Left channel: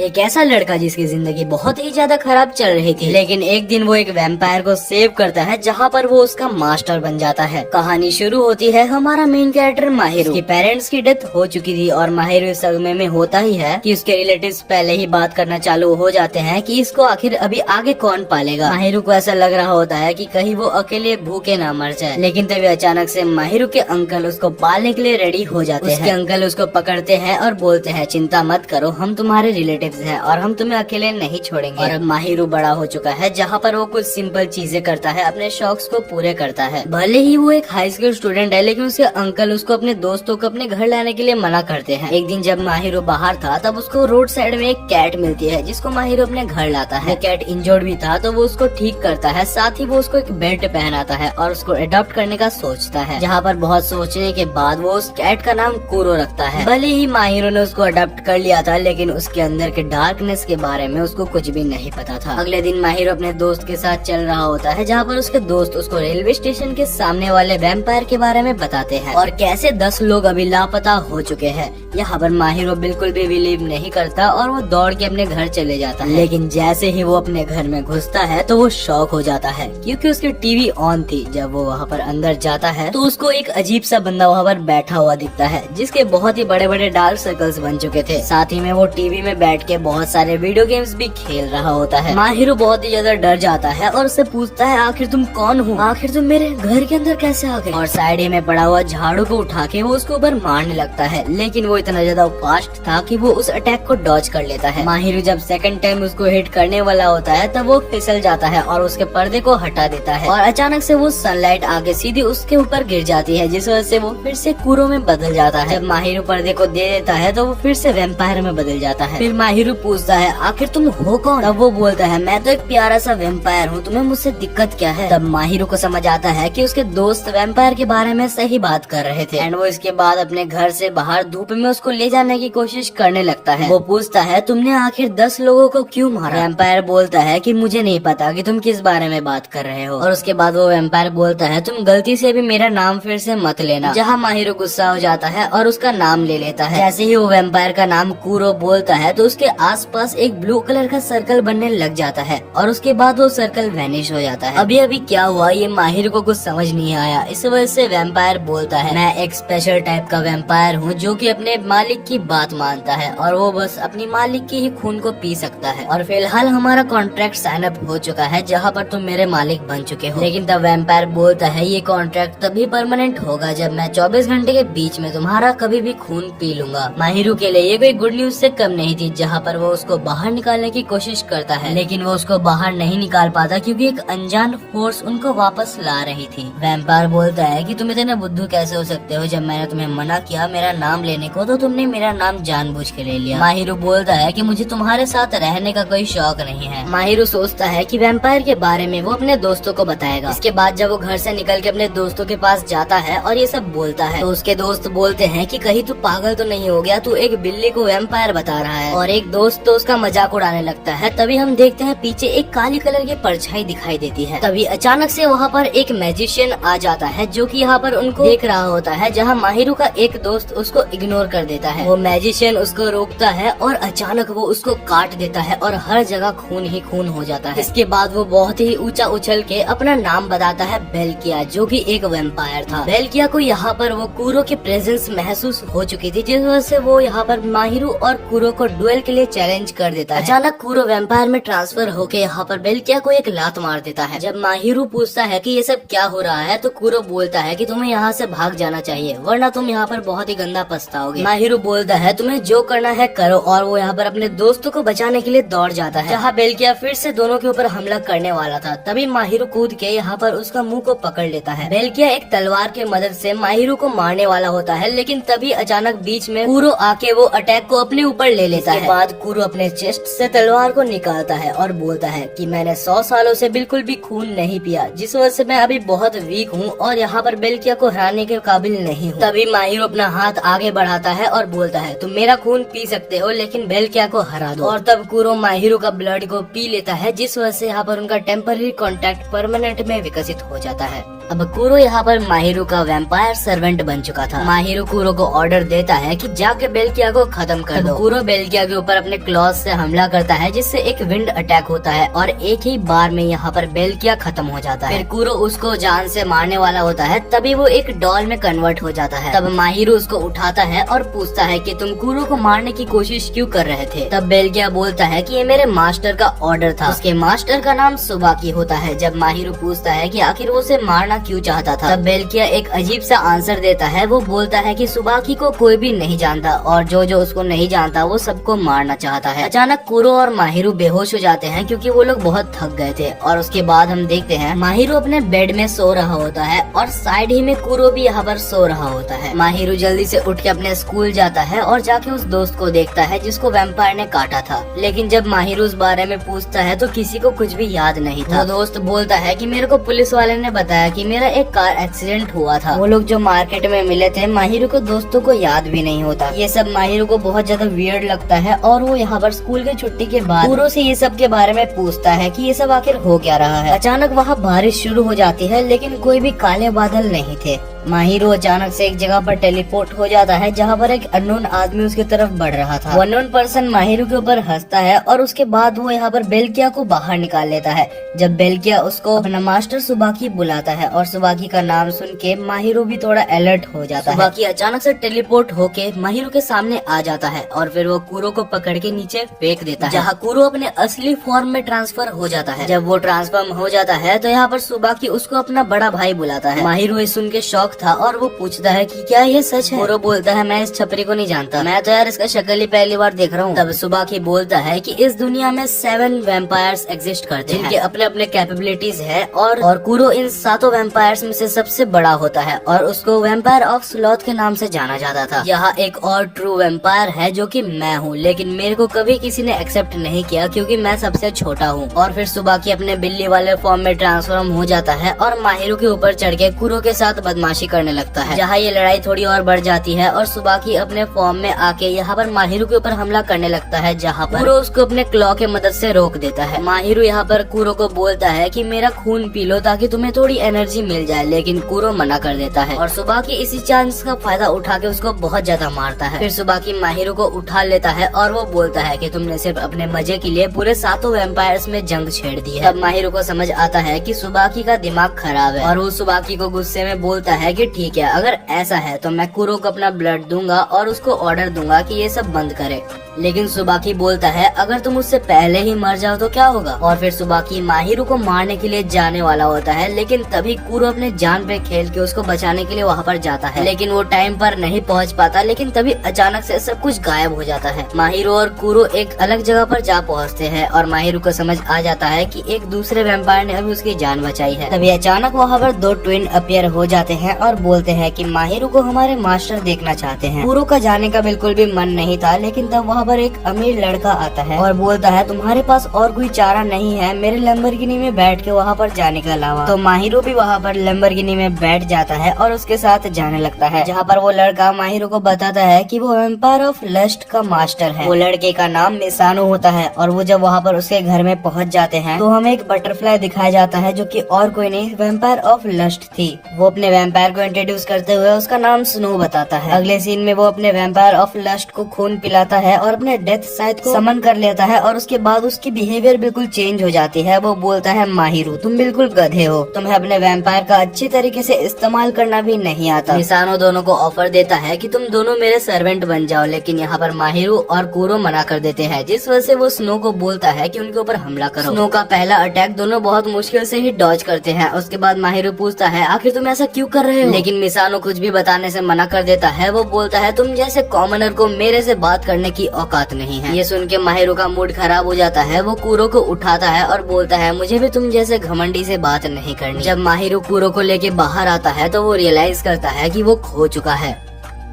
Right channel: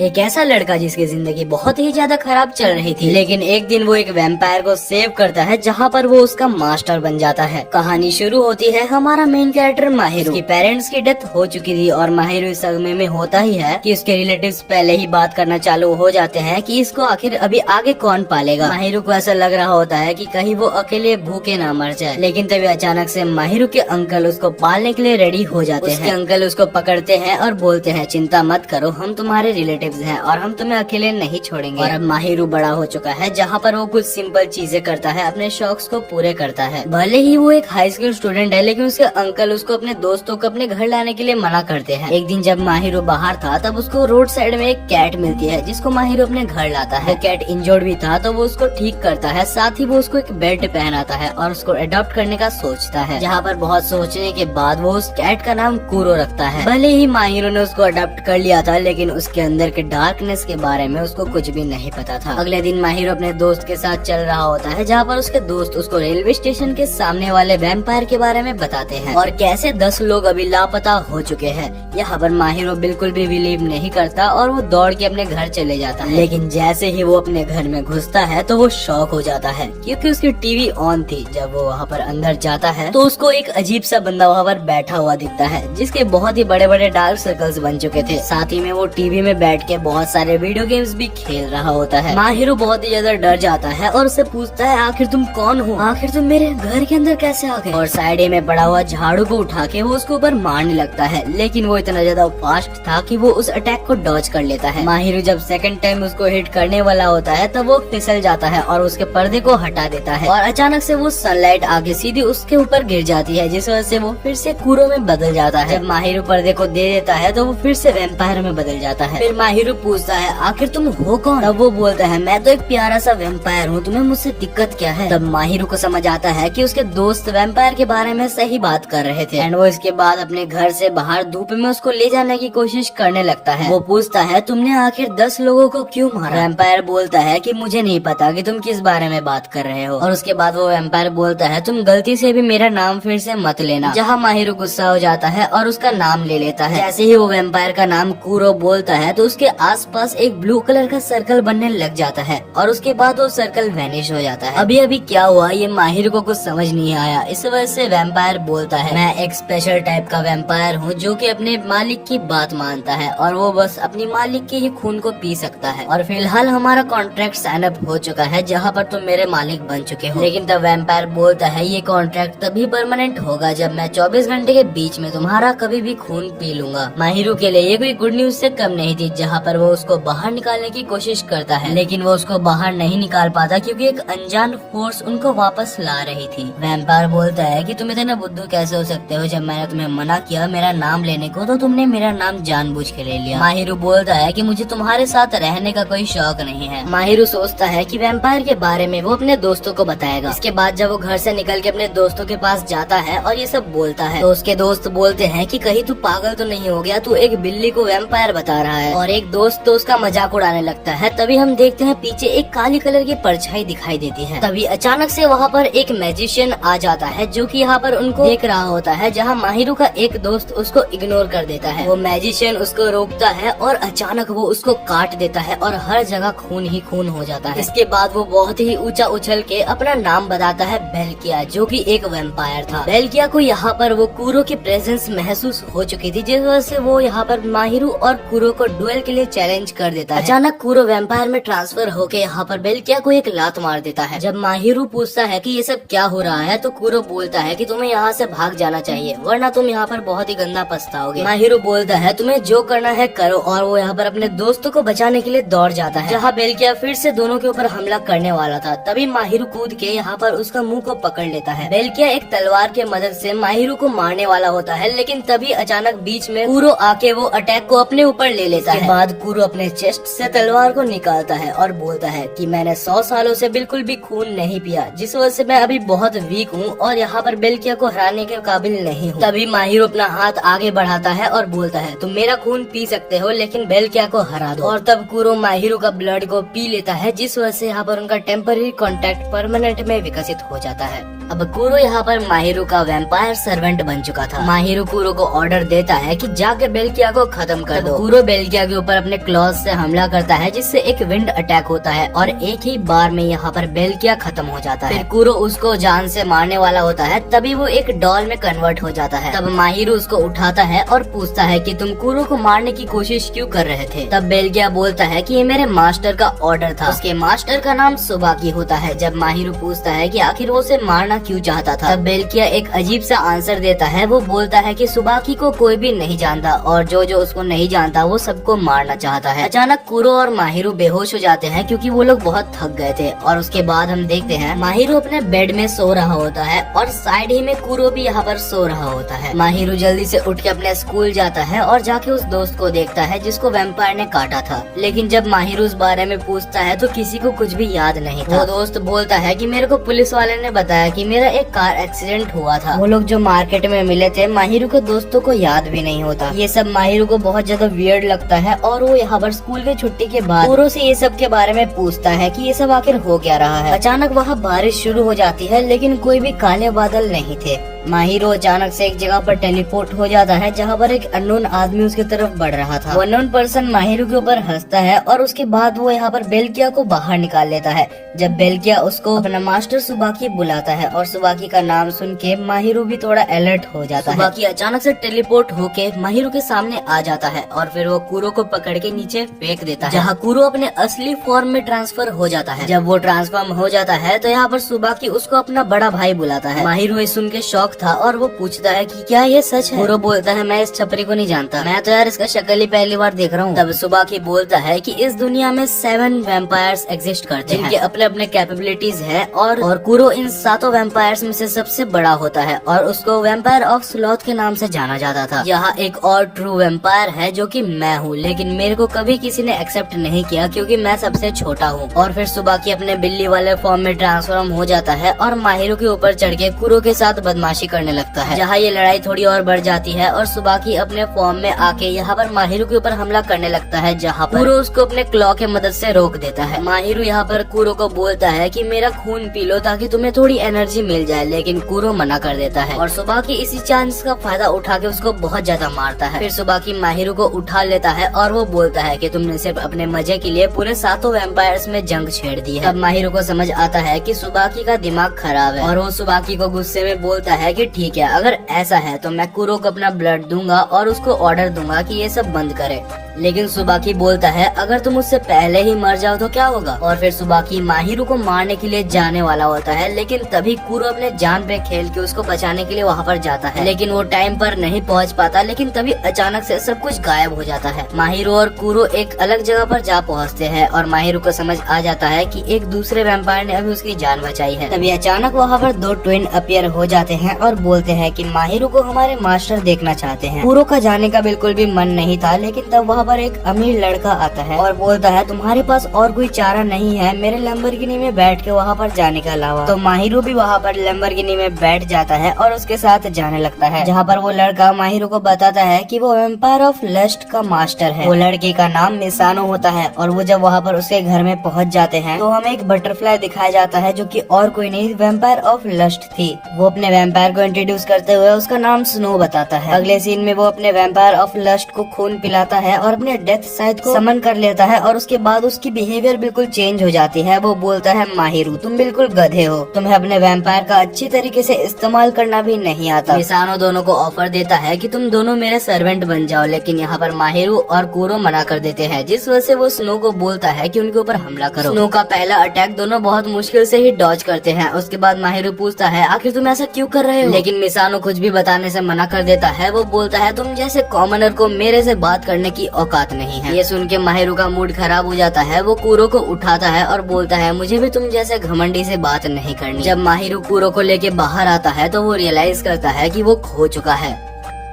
एक ऐसा लड़का जिसकी जिंदगी बहुत ही ज्यादा खराब चल रही थी, लेकिन एक दिन वो एक वैम्पायर को सेव करता है जहाँ पर वो उसका मास्टर बन जाता है। कहानी शुरू होती है हमारा मेन कैरेक्टर माहिरू की पेरेंट्स की डेथ हो चुकी थी और माहिरू इस सदमे में होता ही है कि उसके रिलेटिव्स पहले ही बात करना चालू हो जाते हैं कि इसको आखिर अभी आगे कौन पालेगा। माहिरू को ऐसा लग रहा होता है कि कहीं वो अकेले भूखे ना मर जाए, लेकिन तभी अचानक से माहिरू के अंकल उसको पालने के लिए रेडी हो जाते हैं। उसके अंकल उसको पकड़ते हैं और बोलते हैं चिंता मत करो, हम तुम्हारे रिलेटिव्स हैं और हम तुम्हें अकेले नहीं छोड़ेंगे। और अब माहिरू बड़ा हो चुका है जहाँ पर वो कुछ सिंपल चीजें करता है, अपने शौक को पूरे करता है। भले ही वो एक हाई स्कूल स्टूडेंट है, लेकिन उसके अंकल उसको अपने दोस्तों को अपने घर लाने के लिए मना करते हैं। एक दिन जब माहिरू बाहर था तब उसको रोड साइड में एक कैट मिलती है जिसको माहिरू अपने घर लाता है। कैट इंजर्ड भी था तो वो उसको ठीक करता है, साथ ही वो उसको एक बेल्ट पहनाता है और उसको अडॉप्ट करने का सोचता है, जहाँ पर बहुत सोचने के बाद वो उस कैट का नाम कूरो रखता है। भले ही माहिरू ने उसको अडॉप्ट कर लिया था, लेकिन उसके अंदर के डार्कनेस के बारे में उसको कुछ भी नहीं पता था। अगले दिन माहिरू अपने दोस्त के साथ चल रहा होता है, जहाँ पर उसके दोस्त उसको रेलवे स्टेशन के सामने वाले वैम्पायर के बारे में बताते हैं और कैसे 10 लोग अभी लापता हो चुके हैं। यहाँ पर माहिरू बिल्कुल भी बिलीव नहीं करता और वो दौड़ के अपने घर चले जाता है, लेकिन जैसे ही वो अपने घर में घुसता है तो वो शॉक हो जाता है क्योंकि उसकी टीवी ऑन थी। जब वो वहाँ पर अंदर जाता है तो उसको एक अजीब सा बंदा वहाँ पर बैठा हुआ दिखता है जिसके बहुत ही बड़े बड़े डार्क सर्कल्स बन चुके थे। साथ ही में वो टीवी में बैठ के बहुत सारे वीडियो गेम्स भी खेल रहा होता है। माहिरू बहुत ही ज्यादा डर जाता है और उससे पूछता है आखिर तुम कौन हो, आखिर तुम मेरे घर के अंदर कैसे आ गए। और साइड में पड़ा हुआ झाड़ू को उठा के वो उसके ऊपर मारने लगता है, लेकिन वो इतना ज्यादा फास्ट था कि वो उस अटैक को डॉज कर लेता है। माहिरू जब सेकंड टाइम उसको हिट करने वाला होता है तब वो फिसल जाता है और उसके पर्दे को हटा देता है और अचानक से वो सनलाइट आगे सीधी उसके ऊपर गिर जाती है, जिस वजह से वो फिर से कूरो में बदल जाता है। माहिरू पर्दे को दे देता है तो वो फिर से वैम्पायर में बदल जाता है। फिर माहिरू पूछता है आखिर तुम हो कौन। तब वो बोलता है मैं तो एक प्यारा सा वैम्पायर हूँ, तुम्हें मुझसे दिक्कत क्या है। तब माहिरू को समझ आता है कि उसके दोस्त वैम्पायर के बारे में सही बात कर रहे थे एंड वो इसके बाद अपने घर से बाहर धूप में उसको ले जाने की कोशिश करने लगता है। वो पूछता है तुमने आखिर 10 लोगों को क्यों मारा। वैम्पायर बोलता है कि मुझे नहीं पता कि तुम किस बारे में बात कर रहे हो। और उसके बाद वो वैम्पायर बोलता है तुम गलती से भी मेरा नाम फिर से मत लेना। जहाँ माहिरू गुस्सा हो जाता है और उसका नाम ले लेता है। जैसे ही वो वैम्पायर का नाम कूरो बोलता है तो उसके आसपास एक ब्लू कलर का सर्कल बनने लग जाता है और उसके बाद वो सर्कल वैनिश हो जाता है। अभी अभी क्या हुआ ये माहिरू को कुछ समझ नहीं आया। इस वजह से वैम्पायर बोलता है मैं एक स्पेशल टाइप का वैम्पायर हूँ जो कि अपने मालिक की बात मानता है और वो बस अपनी मालिक की ही खून को पी सकता है। और फिलहाल हमारा कॉन्ट्रैक्ट साइन अप हो चुका है जहाँ पर तुम मेरे मालिक बन चुके हो। लेकिन तब वैम्पायर बोलता है ये कॉन्ट्रैक्ट तभी परमानेंट होगा जब मैं 24 घंटे के बीच में तुम्हारा कभी भी खून पी लूंगा। माहिरू के लिए ये कोई गुड न्यूज से कम नहीं थी, जहाँ पर वो उसको बाहर निकालने की कोशिश करता है, लेकिन वो उसको बाहर नहीं निकाल पाता क्योंकि एक अनजान फोर्स उनको वापस ला रही थी। वैम्पायर बोलता है कि तुम इतने बुद्धू कैसे हो सकते हो, जब मैंने तुम्हें मना किया मेरा नाम लेने को तो तुमने मेरा नाम जानबूझ के ले लिया। माहिरू बोलता है कि मुझे तुम्हारे साथ रहने का कोई शौक नहीं है। माहिरू सोचता है कि वैम्पायर के बारे में वो अपने दोस्तों को बताएगा। इसके बाद जब वो घर से निकल के अपने दोस्तों के पास जाता है और ये सब बोलता है तो उसके दोस्त बोलते हैं कि कहीं तू पागल तो नहीं हो गया, तू एक बिल्ली को वैम्पायर बता रहा है। और एक दोस्त तो उसका मजाक उड़ाने लगता है। तभी हम देखते हैं पीछे एक काली कलर की परछाई दिखाई देती है। तभी अचानक से वहाँ पर एक मैजिशियन आ जाता है जो कि यहाँ पर उनको देख रहा होता है, जहाँ माहिरू का एक दोस्त उसको इग्नोर कर देता है। वो मैजिशियन उसको रोकता है और अचानक वो उसको काट देता है और हर जगह खून ही खून हो जाता है। इसके बाद वो बहुत ही ऊंचा उछल के अपना नाम बताता है बेल्किया, जो कि एक वैम्पायर था। बेल्किया को यहाँ पर वो कूरो की प्रेजेंस महसूस हो चुकी थी, जिस वजह से वो यहाँ पर माहिरू और कूरो को डुएल के लिए चैलेंज कर देता है। अचानक कूरो वैम्पायर में ट्रांसफर होके यहाँ पर बेल्किया को एक लात मार देता है। जब माहिरू पूछता है कि ये सब क्या हो रहा है तो कूरो बोलता है कि तुम्हें यहाँ से भाग जाना चाहिए वरना तुम यहाँ पर बहुत ही गंदा पछताओगे। माहिरू बोलता है तुम्हें जो करना है करो और वो यहाँ पर अपने दोस्तों को बचाने के लिए दौड़ जाता है, जहाँ बेल्किया फिर से दोनों के ऊपर हमला करने वाला था। तभी माहिरू कूद के यहाँ पर उसका मुंह को पकड़ लेता है। बेल्किया एक तलवार के मदद से माहिरू को मारने वाला होता है, लेकिन तभी अचानक बीच में कूरो आके वो अटैक को अपने ऊपर ले लेता है। बाद कूरो अपने चेस्ट से तलवार को निकालता है और बोलता है कि मैंने 100 सालों से बिल्कुल भी खून नहीं पिया, जिस वजह से मैं अभी बहुत वीक हूँ और यहाँ पर बेल्किया को हराने के काबिल नहीं हूँ। तभी माहिरू अपना हाथ आगे बढ़ाता है और बोलता है तुम मेरा खून पी सकते हो लेकिन बेल्किया को हरा दो। और तब कूरो माहिरू का ब्लड को पी लेता है, जिस वजह से यहाँ पर उनका टेम्पररी कॉन्टैक्ट परमानेंट में विकसित हो जाता है। अब कुरो यहाँ पर माहिरो का वैम्पायर सर्वेंट बन चुका था। माहिरो कुरो को ऑर्डर देता है कि जाके बेल्किया को खत्म कर दो। कुरो बेल्किया के ऊपर अपने क्लॉज से हमला करता है जिससे एक विंड अटैक होता है और एक ही बार में यहाँ पर बेल्किया खत्म हो जाता है। फिर कुरो उसको जान से मारने वाला होता है, तभी वो एक डॉल में कन्वर्ट हो जाता है। तब माहिरो उसको उठाता है और पूछता है कि तुम कुरो को मारने की कोशिश क्यों कर रहे थे। तब बेल्किया बोलता है कि ये मेरे मास्टर का ऑर्डर था। उसके मास्टर का नाम सुबाकी होता है। जब माहिरो पूछता है कि आखिर वो उसे मारना क्यों चाहता था, तब बेल्किया एक अजीब सा आंसर देता है। वो बोलता है कि सुबाकी को कोई भी नहीं जानता और जो जो उसको नहीं जानता वो सबको मारना चाहता है। अचानक कुरो और माहिरो बेहोश हो जाते हैं क्योंकि वो लोग बहुत थक गए थे। और उसके बाद हम देखते हैं माहिरो अपने बेड में सो रहा होता है और साइड ही में कुरो भी यहाँ पर सो रहा होता है। माहिरो जल्दी से उठ के अपने स्कूल जाता है और जाके उस दोस्त को देखता है जिसको वैम्पायर ने काटा था। लेकिन जब माहिरो उस बारे में पूछता है तो किसी को कुछ भी याद नहीं था। वो दोस्त बोलता है कि मेरे को पुलिस वाले ने बताया कि मेरा एक कार एक्सीडेंट हुआ था। वो लोग जो मार्केट में मिले थे माहिरो को दोस्तों को याद भी नहीं होता। ये सब माहिरो को बहुत ज्यादा वियर्ड लगता है और वो यहाँ पर स्कूल की छुट्टी के बाद कुरो से ये सब के बारे में पूछता है कि ये सब आखिर हो क्या रहा है। अचानक वहाँ बारिश शुरू हो जाती है लेकिन कोई भी काले बादल नहीं थे। माहिरो अचानक से एक जगह पर टेलीपोर्ट हो जाता है जहाँ पर एक अननोन आदमी उसकी तरफ बढ़ रहा था। वो अननोन पर्सन माहिरो के ऊपर हंसता है और उसके बाद वो यहाँ पर बेल्किया को बाहर निकाल लेता है। जब बेल्किया उसको अपना मास्टर सुबाकी बुलाता है और सुबाकी का नाम सुन के माहिरो भी थोड़ा अलर्ट हो जाता है। सुबाकी अचानक से टेलीपोर्ट होके माहिरो के सामने आ जाता है और फिर वो कुरो को पकड़ के नीचे फेंक देता है, जहाँ कुरो अपने असली फॉर्म में ट्रांसफर हो जाता है। जब वो ट्रांसफॉर्म हो जाता है तो यहाँ पर सुबाकी उसको अपना बड़ा भाई बुलाता है। माहिरो ये सुन के शॉक था और वो पूछता है कि क्या ये सच है। कुरो बोलता है मैं इस छपरी को नहीं जानता, मैं तो यार इसका शक्ल ही पहली बार देख रहा हूँ। तब सुबाकी बोलता है कि इस दुनिया में 7 वैम्पायर्स एग्जिस्ट करते हैं जिनके अपने अपने कैपेबिलिटीज है और कुरो इन 7 वैम्पायर्स में से सबसे बड़ा होता है और उसको वैम्पायर ऑफ स्लॉथ के नाम से जाना जाता था। यहाँ एक और ट्रू वैम्पायर है जो कि मैं हूँ, लेकिन मेरे को कभी किसी ने एक्सेप्ट नहीं किया क्योंकि मैं सबसे छोटा हूँ। और फिर सुबाकी अपने बिल्ली वाले फॉर्म में ट्रांसफॉर्म हो जाता है और माहिरो के ऊपर चढ़ के कुरो के साथ बदमाशी करने लगता है, जहाँ ये लड़ाई थोड़ी और बढ़ जाती है और सुबाकी अपने फॉर्म में आके यहाँ पर माहिरो के ऊपर हमला करने लगता है, जहाँ पर कुरो उसको अपने क्लॉ के मदद से रोक देता है। माहिरो यहाँ पर कुरो को बोलता है कि मेरा खून पी लो ताकि तुम्हें थोड़ी एनर्जी मिल जाए, लेकिन कुरो मना कर देता है और सुबाकी इसी चांस का फायदा उठा के उसको बहुत ज्यादा मारता है। फिर सुबाकी माहिरो को उठा लेता है और वो बोलता है कि तुमने सिर्फ अपने मजे के लिए पूरे 7 वैम्पायर्स में जंग छेड़ दी है। तब माहिरो को समझ आता है कि सुबाकी का दिमाग खराब है और वो सुबाकी को गुस्से में बोलता है कि ठीक है, अगर ऐसा है तो मैं कुरो को अपना ब्लड दूंगा और उसको ऑर्डर दूंगा कि ये सब बंद करे। लेकिन सुबाकी बोलता है अगर तुम उससे पहले ही मर जाओ तो क्या होगा। और फिर सुबाकी माहिरो को मारने के लिए जाने वाला होता है, लेकिन तभी कुरो अपने जान पे खेल के उसको बचाने के लिए वहाँ पर जाता है, लेकिन वो टाइम पर नहीं पहुँच पाता। लेकिन तभी अचानक से सब कुछ गायब हो जाता है। माहिरो और कुरो एक अलग जगह पर जा पहुँचते हैं और माहिरो को समझ आ जाता है कि एक दूसरे वैम्पायर ने अभी उसकी जान बचाई है। तभी अचानक वहाँ पर 2 ट्विन अपीयर हो जाते हैं और बोलते हैं कि माहिरो को हमारे मास्टर देखना चाहते हैं। कुरो का जाने का बिल्कुल भी मन नहीं था, लेकिन तब वहाँ पर एक अमीर लड़का आता है और बोलता है तुम्हारे पास और कोई चारा नहीं है मेरे लैम्बोर्गिनी में बैठ के वहाँ पर जाने के अलावा। तो माहिरो भी वहाँ पर लैम्बोर्गिनी में बैठ जाता है और उसके साथ जाने लगता है, जहाँ पर वो लड़का माहिरो को बताता है कि वो वैम्पायर ऑफ लस्ट का मास्टर है। वो लड़के का नाम मिसानो होता है और वो जब वहाँ पर उसके घर में पहुँच जाते हैं तो हमें एक बटरफ्लाई दिखाया जाता है जो कि और कोई नहीं वैम्पायर ऑफ लस्ट थी। वो अपने वैम्पायर को इंट्रोड्यूस करते हुए उसका नाम स्नो बताता है। अगले सीन में वो अपने वैम्पायर ऑफ लस्ट को खून पिलाता है और अपने डेथ साइड को समन कर लेता है और उसके बाद उसकी बिहेवियर बिल्कुल चेंज हो जाती है। वो बोलता है माहिरो तुम बिल्कुल गधे हो, तुम्हें अपने वैम्पायर का अच्छी तरीके से इस्तेमाल करना भी नहीं आता। मिसानो दोनों को ऑफर देता है कि तुम दोनों मेरे सर्वेंट बन जाओ, लेकिन यहाँ पर माहिरो और कुरो मना कर देते हैं, जिस वजह से वो स्नो को बोलता है कि उनके ऊपर हमला करो। स्नो का पहला अटैक दोनों बहुत मुश्किल से ही डॉज करते हैं। उसके बाद माहिरो पूछता है आखिर तुम ऐसा क्यों कर रहे हो, लेकिन मिसानो कुछ भी बताने से मना कर देता है। वो बोलता है तुम जैसे कॉमनर को मेरे से बात करने की औकात नहीं है। ये सुन के माहिरो का मूड खराब हो जाता है। वो कुरो को उठाता है और बोलता है मुझे भी तुम जैसे घमंडी से बात नहीं करनी। जब माहिरो कुरो को लेके बाहर आता है तो वो रियलाइज करता है कि वो खो चुका है।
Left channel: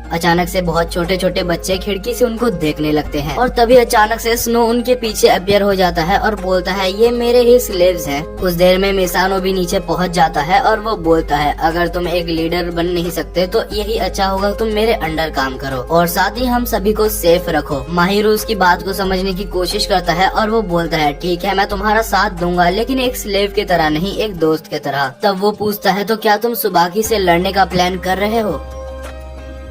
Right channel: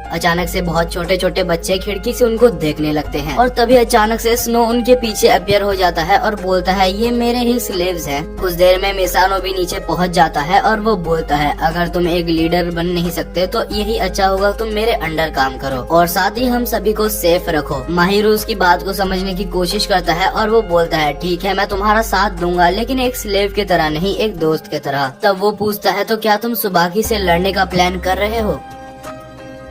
अचानक से बहुत छोटे छोटे बच्चे खिड़की से उनको देखने लगते हैं और तभी अचानक से स्नो उनके पीछे अपीयर हो जाता है और बोलता है ये मेरे ही स्लेव्स है। कुछ देर में मिसानो भी नीचे पहुंच जाता है और वो बोलता है अगर तुम एक लीडर बन नहीं सकते तो यही अच्छा होगा तुम मेरे अंडर काम करो और साथ ही हम सभी को सेफ रखो। माहिरो उसकी बात को समझने की कोशिश करता है और वो बोलता है ठीक है मैं तुम्हारा साथ दूंगा लेकिन एक स्लेव की तरह नहीं, एक दोस्त की तरह। तब वो पूछता है तो क्या तुम सुबाकी से लड़ने का प्लान कर रहे हो?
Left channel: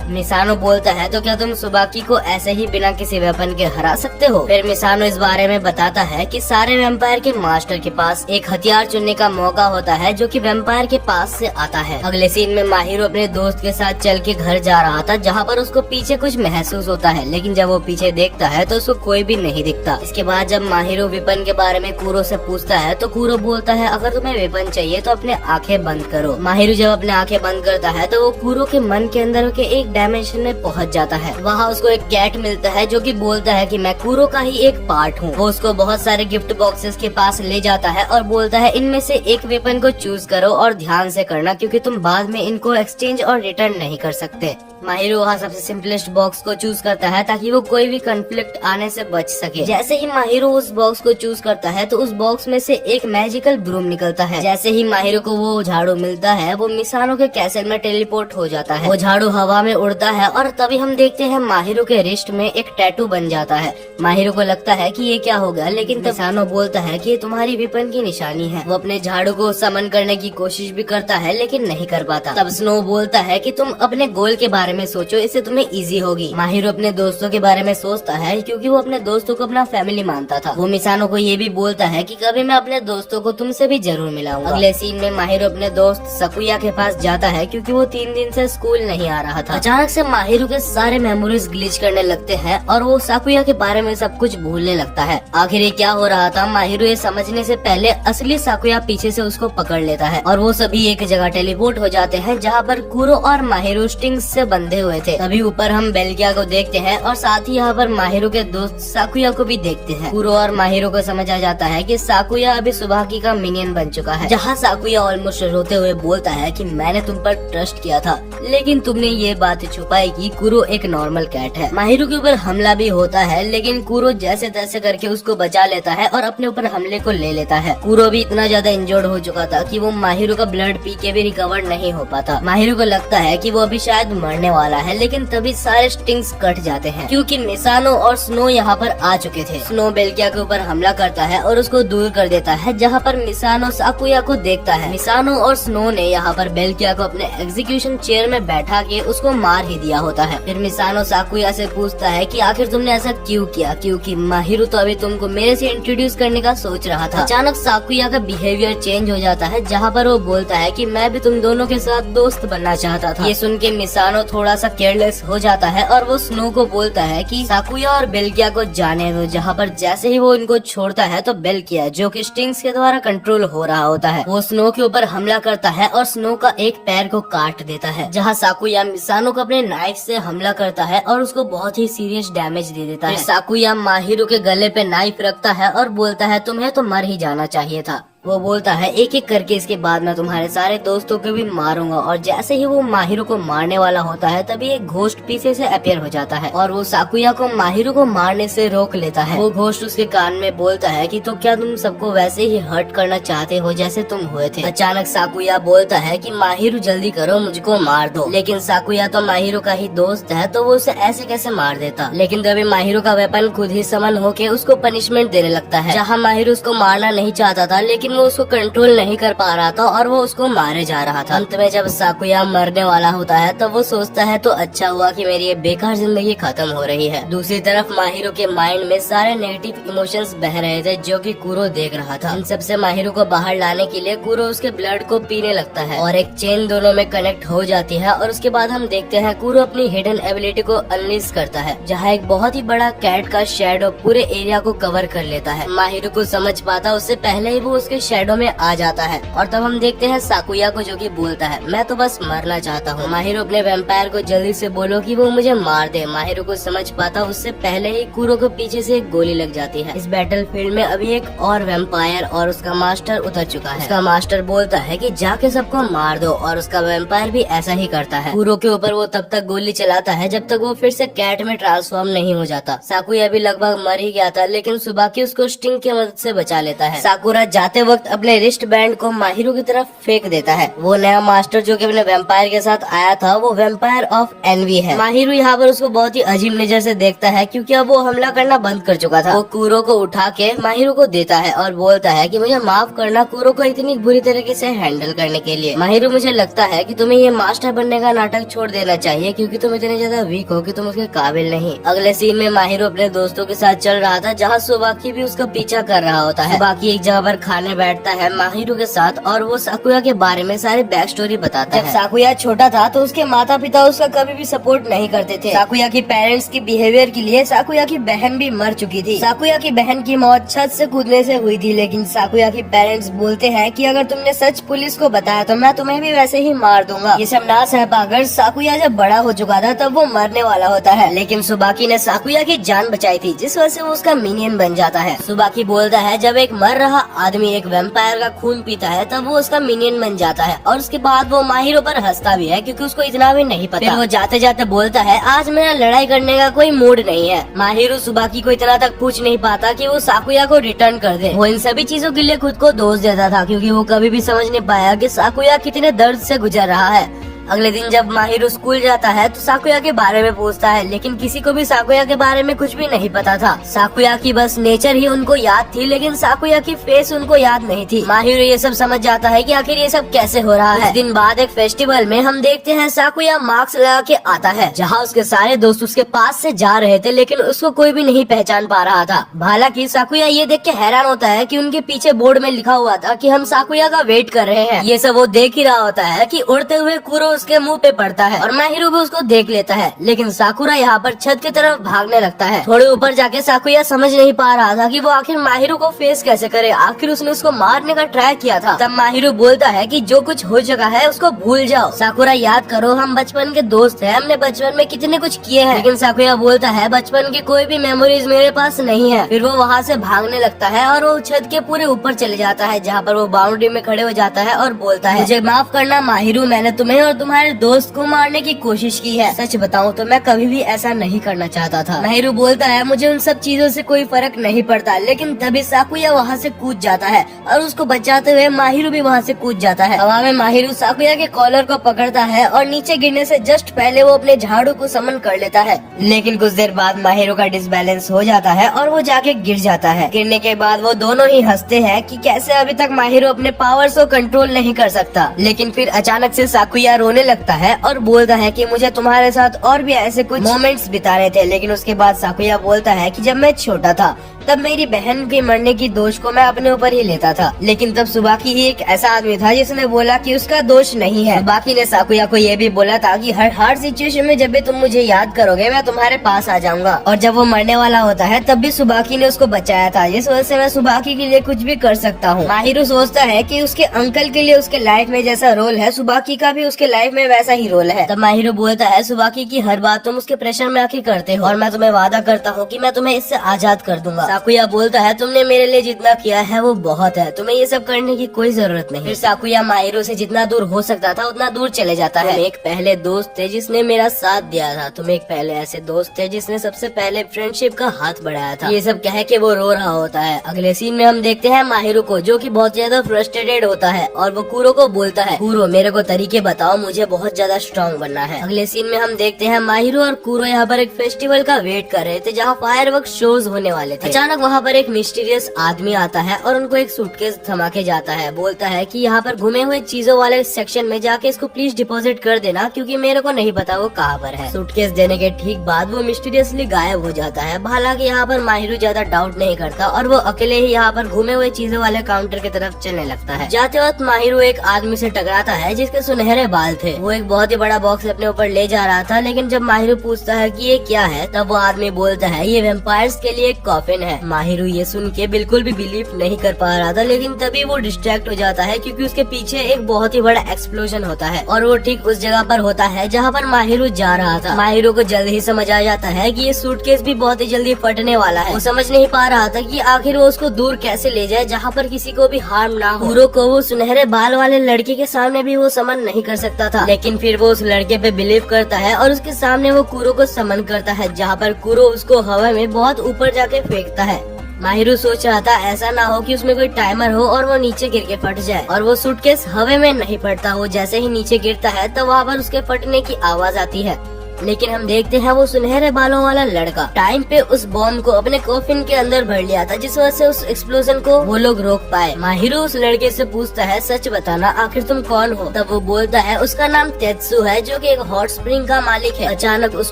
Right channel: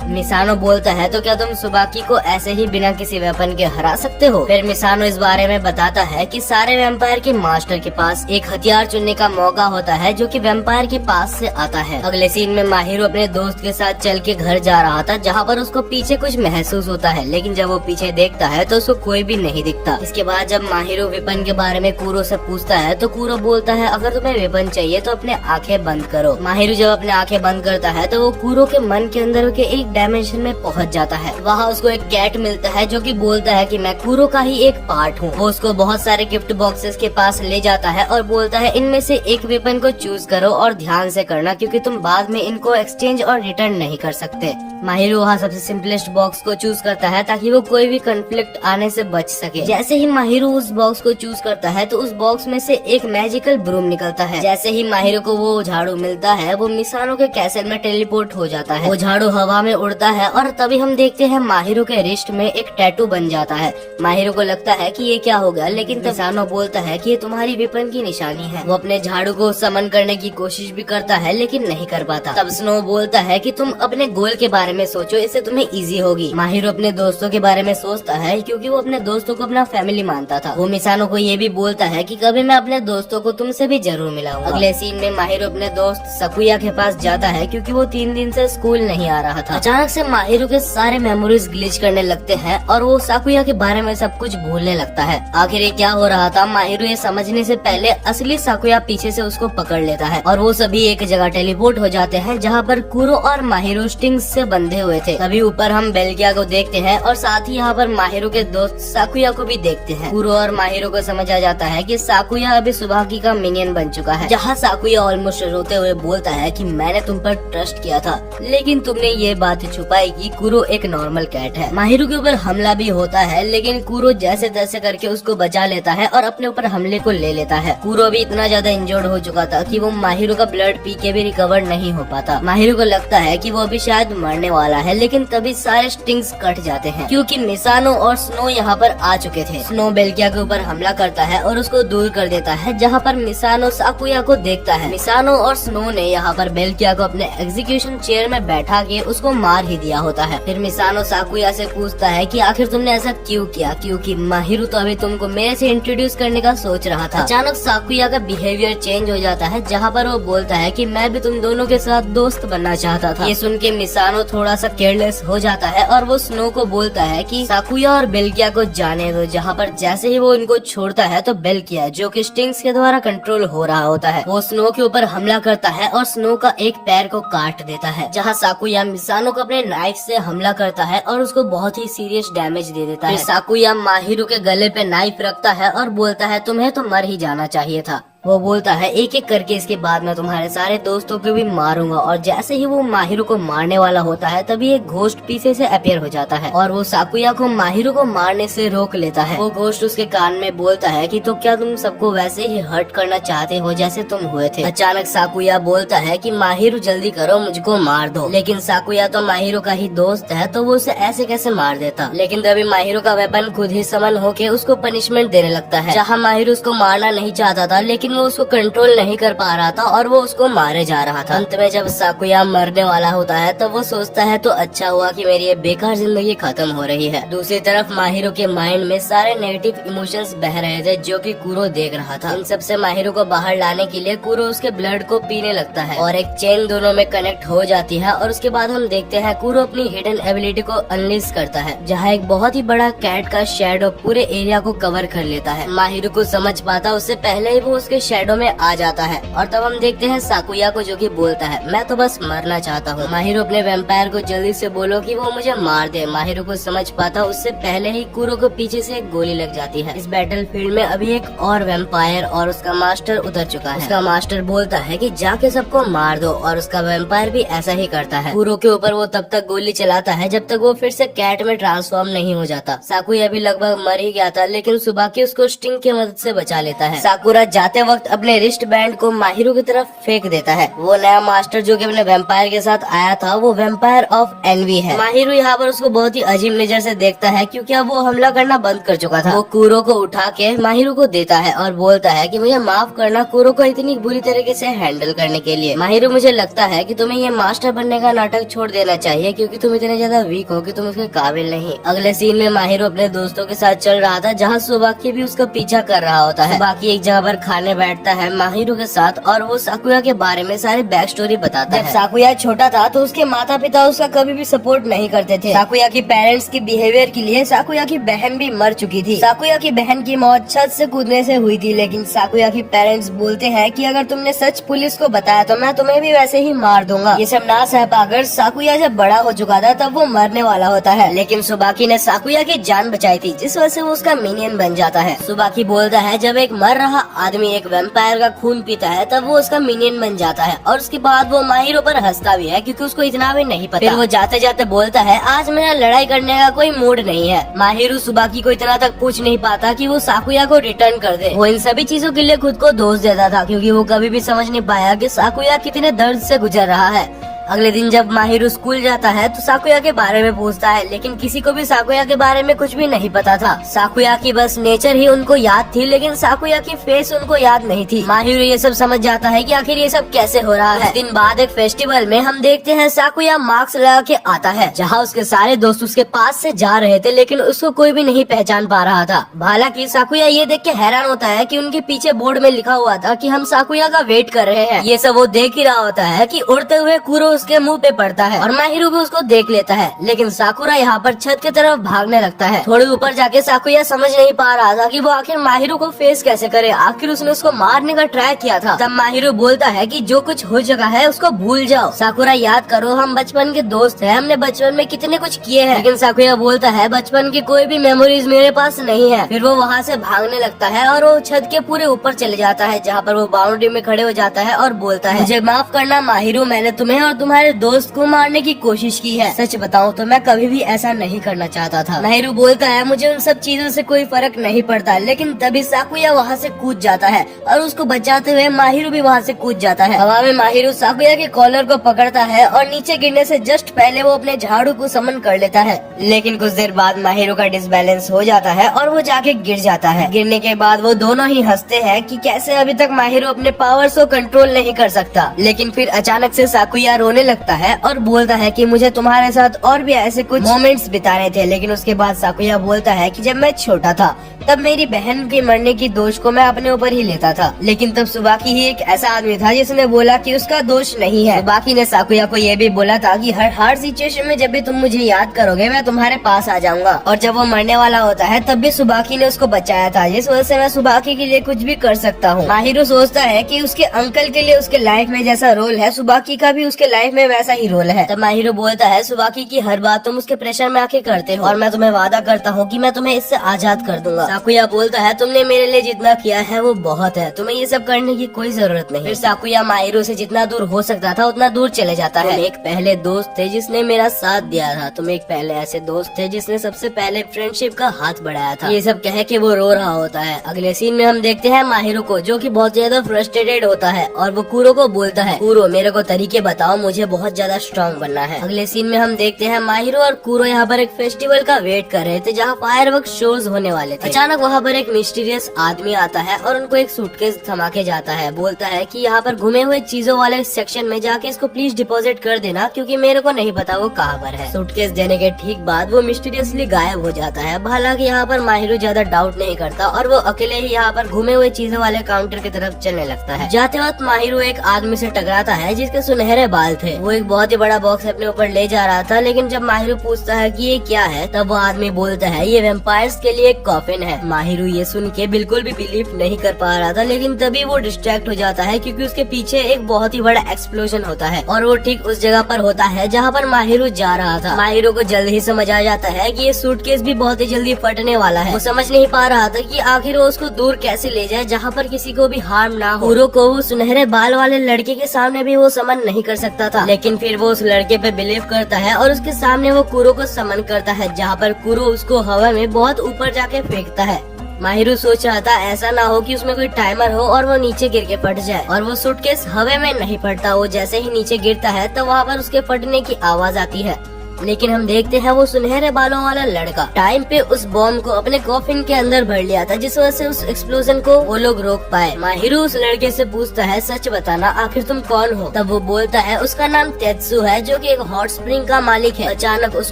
मिसानो बोलता है तो क्या तुम सुबाकी को ऐसे ही बिना किसी वेपन के हरा सकते हो? फिर मिसानो इस बारे में बताता है कि सारे वेम्पायर के मास्टर के पास एक हथियार चुनने का मौका होता है जो कि वेम्पायर के पास से आता है। अगले सीन में माहिरो अपने दोस्त के साथ चल के घर जा रहा था जहाँ पर उसको पीछे कुछ महसूस होता है, लेकिन जब वो पीछे देखता है तो उसको कोई भी नहीं दिखता। इसके बाद जब माहिरो वेपन के बारे में कूरो से पूछता है तो कूरो बोलता है अगर तुम्हें वेपन चाहिए तो अपने आँखें बंद करो। माहिरो जब अपने आँखें बंद करता है तो वो कूरो के मन के अंदर के एक डायमेंशन में पहुंच जाता है। वहाँ उसको एक कैट मिलता है जो कि बोलता है कि मैं कूरो का ही एक पार्ट हूँ। वो उसको बहुत सारे गिफ्ट बॉक्सेस के पास ले जाता है और बोलता है इनमें से एक वेपन को चूज करो और ध्यान से करना क्योंकि तुम बाद में इनको एक्सचेंज और रिटर्न नहीं कर सकते। माहिरो वहाँ सबसे सिंपलेस्ट बॉक्स को चूज करता है ताकि वो कोई भी कॉन्फ्लिक्ट आने से बच सके। जैसे ही माहिरो उस बॉक्स को चूज करता है तो उस बॉक्स में से एक मैजिकल ब्रूम निकलता है। जैसे ही माहिरो को वो झाड़ू मिलता है वो मिसानो के कैसल में टेलीपोर्ट हो जाता है। वो झाड़ू हवा में उड़ता है और तभी हम देखते हैं माहिरो के रिस्ट में एक टैटू बन जाता है। माहिरो को लगता है कि ये क्या हो गया, लेकिन मिसानो बोलता है कि ये तुम्हारी विपन की निशानी है। वो अपने झाड़ू को समन करने की कोशिश भी करता है लेकिन नहीं कर पाता। तब स्नो बोलता है कि तुम अपने गोल के बारे में सोचो, इससे तुम्हें इजी होगी। माहिरो अपने दोस्तों के बारे में सोचता है क्योंकि वो अपने दोस्तों को अपना फैमिली मानता था। वो मिसानो को ये भी बोलता है कि कभी मैं अपने दोस्तों को तुमसे भी जरूर मिलाऊंगा। अगले सीन में माहिरो अपने दोस्त सकुया के पास जाता है क्योंकि वो 3 दिन से स्कूल नहीं आ रहा था। अचानक से माहिरो के सारे मेमोरीज ग्लिच करने लगते हैं और वो साकुया के बारे में सब कुछ भूलने लगता है। आखिर ये क्या हो रहा था माहिरो ये समझने से पहले असली साकुया पीछे से उसको पकड़ लेता है और वो सभी एक जगह टेलीपोर्ट हो जाते हैं जहाँ पर कूरो और माहिरो स्टिंग्स से बंधे हुए थे। तभी ऊपर हम बेल्गिया को देखते हैं और साथ ही यहाँ पर माहिरो के दोस्त साकुया को भी देखते हैं। कूरो और माहिरो को समझ आ जाता है कि साकुया अभी सुबाकी का मिनियन बन चुका है। जहाँ साकुया ऑलमोस्ट रोते हुए बोलता है कि मैंने तुम पर ट्रस्ट किया था लेकिन तुमने ये बात छुपाई कि कूरो एक नॉर्मल कैट है। माहिरो के ऊपर हमला भी होता है लेकिन कूरो जैसे तैसे करके उसको बचा लेता है और अपने ऊपर हमले को ले लेता है। कूरो भी इतना ज्यादा इंजर्ड हो चुका था कि वो माहिरो का ब्लड पी के भी रिकवर नहीं हो पाता। माहिरो को लगता है कि वो अभी शायद मरने वाला है लेकिन तभी सारे स्टिंग्स कट जाते हैं क्योंकि मिसानो और स्नो यहाँ पर आ चुके थे। स्नो बेल्गिया के ऊपर हमला करता है और उसको दूर कर देता है जहाँ पर मिसानो साकुया को देखता है। मिसानो और स्नो ने यहाँ पर बेल्गिया को अपने एग्जीक्यूशन चेयर में बैठा के उसको मार ही दिया होता है। फिर मिसानो साकुया से पूछता है कि आखिर तुमने ऐसा क्यों किया, क्योंकि माहिरो तो अभी तुमको मेरे से इंट्रोड्यूस करने का सोच रहा था। अचानक साकुया का बिहेवियर चेंज हो जाता है जहाँ पर वो बोलता है कि मैं भी तुम दोनों के साथ दोस्त बनना चाहता था। ये सुन के मिसानो थोड़ा सा केयरलेस हो जाता है और वो स्नो को बोलता है कि साकुया और बेल्गिया को जाने दो। जहाँ पर जैसे ही वो इनको छोड़ता है तो बेल्गिया जो कि स्टिंग्स के द्वारा कंट्रोल हो रहा होता है वो स्नो के ऊपर हमला करता है और स्नो का एक पैर को काट देता है। जहाँ साकुया मिसानो को अपने नाइफ से हमला करता है और उसको बहुत ही सीरियस डैमेज दे देता है। साकुया माहिरो के गले पे नाइफ रखता है और बोलता है तुम्हें तो मर ही जाना चाहिए था। वो बोलता है एक एक करके इसके बाद मैं तुम्हारे सारे दोस्तों को भी मारूंगा। और जैसे ही वो माहिरो को मारने वाला होता है तभी एक घोस्ट पीछे से अपीयर हो जाता है और वो साकुया को माहिरो को मारने से रोक लेता है। वो घोस्ट उसके कान में बोलता है कि तो क्या तुम सबको वैसे ही हर्ट करना चाहते हो जैसे तुम हुए थे। अचानक साकुया बोलता है कि माहिरो जल्दी करो मुझको मार दो, लेकिन साकुया तो माहिरो का ही दोस्त है तो वो उसे ऐसे कैसे मार देता। लेकिन तभी माहिरो का वेपन खुद ही समन होके उसको पनिशमेंट देने लगता है। जहाँ माहिरो उसको मारना नहीं चाहता था लेकिन वो उसको कंट्रोल नहीं कर पा रहा था और वो उसको मारे जा रहा था। अंत में जब साकुया मरने वाला होता है तो वो सोचता है तो अच्छा हुआ कि मेरी ये बेकार जिंदगी खत्म हो रही है। दूसरी तरफ माहिरो के माइंड में सारे नेगेटिव इमोशंस बह रहे थे जो कि कूरो देख रहा था। इन सबसे माहिरो को बाहर लाने के लिए कूरो उसके ब्लड को पीने लगता है और एक चेन दोनों में कनेक्ट हो जाती है और उसके बाद हम देखते हैं कूरो अपनी हिडन एबिलिटी को अनलीज करता है जहाँ एक बहुत ही बड़ा कैट का शैडो पूरे एरिया को कवर कर लेता है। माहिरो को समझ पाता उससे पहले ही वो उसके उसके शैडो में आ जाता है। और तब हम देखते हैं साकुया को जो कि बोलता है मैं तो बस मरना चाहता हूँ। माहिरो अपने वैम्पायर को जल्दी से बोलो कि वो मुझे मार दे। माहिरो को समझ पाता उससे पहले ही कुरो को पीछे से एक गोली लग जाती है। इस बैटलफील्ड में अभी एक और वैम्पायर और उसका मास्टर उतर चुका है। उसका मास्टर बोलता है कि जाके सबको मार दो और उसका वैम्पायर भी ऐसा ही करता है। कुरो के ऊपर वो तब तक गोली चलाता है जब तक वो फिर से कैट में ट्रांसफॉर्म नहीं हो जाता। साकुया भी लगभग मर ही गया था, लेकिन सुबाकी उसको स्टिंग की मदद से बचा लेता है। साकुरा जाते वक्त अपने रिस्ट बैंड को माहिरो की तरफ फेंक देता है। वो नया मास्टर जो कि अपने वैम्पायर के साथ आया था वो वैम्पायर ऑफ एनवी है। माहिरो यहाँ पर उसको बहुत ही अजीब नजर से देखता है क्योंकि अब वो हमला करना बंद कर चुका था। वो कुरो को उठा के माहिरो को देता है और बोलता है कि मुझे माफ करना कुरो को इतनी बुरी तरीके से हैंडल करने के लिए। माहिरो मुझे लगता है कि तुम्हें ये मास्टर बनने का नाटक छोड़ देना चाहिए क्योंकि तुम इतने ज्यादा वीक हो कि तुम उसके काबिल नहीं। अगले सीन में माहिरो अपने दोस्तों के साथ चल रहा था जहाँ सुबाकी भी उसका पीछा कर रहा होता है। बाकी एक जगह पर खाने बैठता है माहिरो के साथ और वो साकुया के बारे में सारी बैक स्टोरी बताता है। जब साकुया छोटा था तो उसके माता पिता उसका कभी भी सपोर्ट नहीं करते थे। साकुया की पेरेंट्स के बिहेवियर के लिए साकुया की बहन भी मर चुकी थी। साकुया की बहन की मौत छत से कूदने से हुई थी, लेकिन साकुया की पेरेंट्स बोलते हैं कि अगर तुमने सच पुलिस को बताया तो मैं तुम्हें भी वैसे ही मार दूंगा। ये सब ना सह पाकर साकुया जब बड़ा हो चुका था तब वो मरने वाला होता है, लेकिन सुबाकी ने साकुया की जान बचाई थी जिस वजह से वो उसका मिनियन बन जाता है। सुबाकी बोलता है जब एक मर रहा आदमी एक वैम्पायर का खून पीता है तब वो उसका मिनियन बन जाता है और उसके बाद वो माहिरो पर हंसता भी है क्योंकि उसको इतना भी नहीं पता। फिर वो जाते जाते बोलता है आज मेरा लड़ाई करने का कोई मूड नहीं है। माहिरो सुबाकी को इतना तक पूछ नहीं पाता कि वो साकुया को रिटर्न कर दे। वो इन सभी चीजों के लिए खुद को दोष देता था क्योंकि वो कभी भी समझ नहीं पाया कि साकुया कितने दर्द से गुजर रहा है। अगले दिन जब माहिरो स्कूल जाता है तो साकुया के बारे में पूछता है, लेकिन किसी को भी साकुया के बारे में कुछ भी नहीं पता था। साकुया की बस नेचर ही उनको याद थी, लेकिन साकुया की फेस उनको याद नहीं थी। माहिरो ये सब समझ जाता है कि आखिर ये सब कैसे हो रहा है। कुछ दिन बाद एक फेस्टिवल में हम देखते हैं साकुया मास्क लगा के आता है जहाँ उसके सारे दोस्त उसके पास से जा रहे थे, लेकिन उसको कोई भी नहीं पहचान पा रहा था। हालांकि साकुया ये देख के हैरान होता है कि उनके पीछे बोर्ड में लिखा हुआ था कि हम साकुया का वेट कर रहे हैं। ये सब वो देख ही रहा होता है कि उड़ते हुए कुरो उसके मुंह पे पड़ता है और माहिरो भी उसको देख लेता है, लेकिन साकुरा यहाँ पर छत की तरफ भागने लगता है। थोड़े ऊपर जाके साकुया समझ नहीं पा रहा था कि वो आखिर माहिरो को फेस कैसे करे। आखिर उसने उसको मारने का ट्राई किया था। तब माहिरो बोलता है कि जो कुछ हो चुका है उसको भूल जाओ। साकुरा याद करो हम बचपन के दोस्त हैं, हमने बचपन में कितने कुछ किए हैं। लेकिन साकुया बोलता है बचपन की कोई भी मेमोरीज मेरे पास नहीं है। फिर वो वहाँ से भागने लगता है और वो छत के पूरे ऊपर चले जाता है जहाँ पर वो बाउंड्री में खड़े हो जाता है और बोलता है मुझे माफ करना माहिरो, मैंने तुम्हें और तुम्हारे दोस्त को मारने की कोशिश की है। सच बताऊं तो मैं कभी भी ऐसा नहीं करना चाहता था। माहिरो बोलता है मुझे उन सब चीजों से कोई फर्क नहीं पड़ता, लेकिन तभी साकुया वहाँ से कूद जाता है और उसको बचाते हुए माहिरो भी वहाँ से कूद जाता है। हवा में माहिरो साकुया के कॉलर को पकड़ता है और नीचे गिरने से जस्ट पहले वो अपने झाड़ू को समन कर लेता है, लेकिन कुछ देर बाद माहिरो का डिसबैलेंस हो जाता है और वो जाके गिर जाता है। गिरने के बाद वो दोनों ही हंसते हैं कि कैसे अभी तक माहिरो अपने पावर्स को कंट्रोल नहीं कर सकता। लेकिन फिर अचानक से साकुया रोने लगता है और बोलता है कि मुझे तुम्हारे साथ और भी ऐसे कुछ मोमेंट्स बिताने थे। लेकिन उसके बाद साकुया बोलता है कि जब मैं छोटा था तब मेरी बहन के मरने की दोष को मैं अपने ऊपर ही लेता था, लेकिन तब सुबाकी ही एक ऐसा आदमी था जिसने बोला कि उसका दोष नहीं है। सुबाकी ने साकुया को ये भी बोला था कि हर सिचुएशन में जब भी तुम मुझे याद करोगे मैं तुम्हारे पास आ जाऊंगा। और जब वो मरने वाला होता है तब भी सुबाकी ने उसको बचाया था, जिस वजह से मैं सुबाकी के लिए कुछ भी कर सकता हूँ। माहिरो सोचता है कि उसके अंकल के लिए उसके लाइफ में जैसा रोल है सुबाकी का भी उसके लाइफ में वैसा ही रोल है। तब माहिरो बोलता है सुबाकी की हर बात तुम उसके प्रेशर में आके करते हो और मैं तुम्हें वादा करता हूँ कि मैं तुम्हें इससे आजाद कर दूंगा। साकुया बोलता है तुमने मेरे लिए जितना किया है वो बहुत है, तुम्हें ये सब करने की कोई जरूरत नहीं। फिर साकुया माहिरो से जितना दूर हो सकता था उतना दूर चले जाता है। एक पहले दोस्त थे जिसने मेरा साथ दिया था, तुम एक पहले ऐसे दोस्त थे जिसने सबसे पहले फ्रेंडशिप का हाथ बढ़ाया था। ये सब कह के वो रो रहा होता है। अगले सीन में हम देखते हैं माहिरो को जो कि बहुत ज्यादा फ्रस्ट्रेटेड होता है और वो कुरो को बोलता है कुरो मेरे को तरीके बताओ, मुझे बहुत ज्यादा स्ट्रॉन्ग बनना है। अगले सीन में हम देखते हैं माहिरो और कुरो यहाँ पर एक फेस्टिवल का वेट कर रहे थे जहाँ फायरवर्क शोज होने वाले थे। अचानक वहाँ पर एक मिस्टीरियस आदमी आता है और उनको एक सूटकेस थमा के जाता है। बोलता है कि यहाँ पर घुमे हुए चीजों वाले सेक्शन में जाके इसको प्लीज डिपॉजिट कर देना क्योंकि मेरे को नहीं पता वो कहाँ पर है। सूटकेस देने के ठीक बाद वो मिस्टीरियसली गायब हो जाता है। हालांकि यहाँ पर माहिरो ज्यादा डाउट नहीं करता और वो अकेले ही यहाँ पर घुमे हुए चीजों वाले काउंटर की तरफ चलने लगता है। जाते वक्त माहिरो एक आदमी से टकराता है जिसके सुनहरे बाल थे। वो एक बहुत ही बड़ा बॉक्स अपने ऊपर ले जा रहा था, लेकिन जब माहिरो पूछता है कि ये क्या है तब वो आदमी बोलता है ये वेम्पायर्स के लिए एक कॉफिन है। है। माहिरू ये सुन के बिल्कुल भी बिलीव नहीं कर पा रहा था, लेकिन तभी वो डिस्ट्रैक्ट हो जाता है क्योंकि उसके पीछे एक बहुत ही बड़ा एक्सप्लोजन होता है और वो ठीक उस जगह पर होता है जहाँ पर माहिरू जा रहा था। माहिरू को जल्द ही समझ आ जाता है कि ये सूटकेस भी बहुत ही जल्दी फटने वाला है। वो समझ नहीं पा रहा था कि आखिर वो उसको दूर कैसे ले जाए जहाँ पर किसी को भी हार्म ना हो। कुरो को वो सुनहरे बाल वाले लड़के के सामने भी वो समन नहीं कर सकता था, लेकिन फिर वो उस लड़के पे बिलीव करता है और उसके सामने वो कुरो को समन करता है, जहाँ पर कुरो उसको हवा में बहुत ऊपर जाके फेंकता है। माहिरू सोच रहा था ऐसा ना हो कि उसमें कोई टाइमर हो और वो नीचे गिर के फट जाए, और वो सूटकेस हवा में नहीं फटता। वो जैसे ही नीचे गिरता है तब वहाँ पर उसके फटने की आवाज आती है। लेकिन हम देखते हैं वो सुनहरे बालों वाला लड़का टाइम पे उस बॉम्ब को अपने कॉफिन के अंदर भर लिया था, जिस वजह से उस एक्सप्लोजन को वो लोग रोक पाए। माहिरू उस लड़के से पूछता है सच बताना आखिर तुम कौन हो। तब वो बोलता है उसका नाम तेत्सु है, जो कि एक हॉट स्प्रिंग का मालिक है। अचानक उस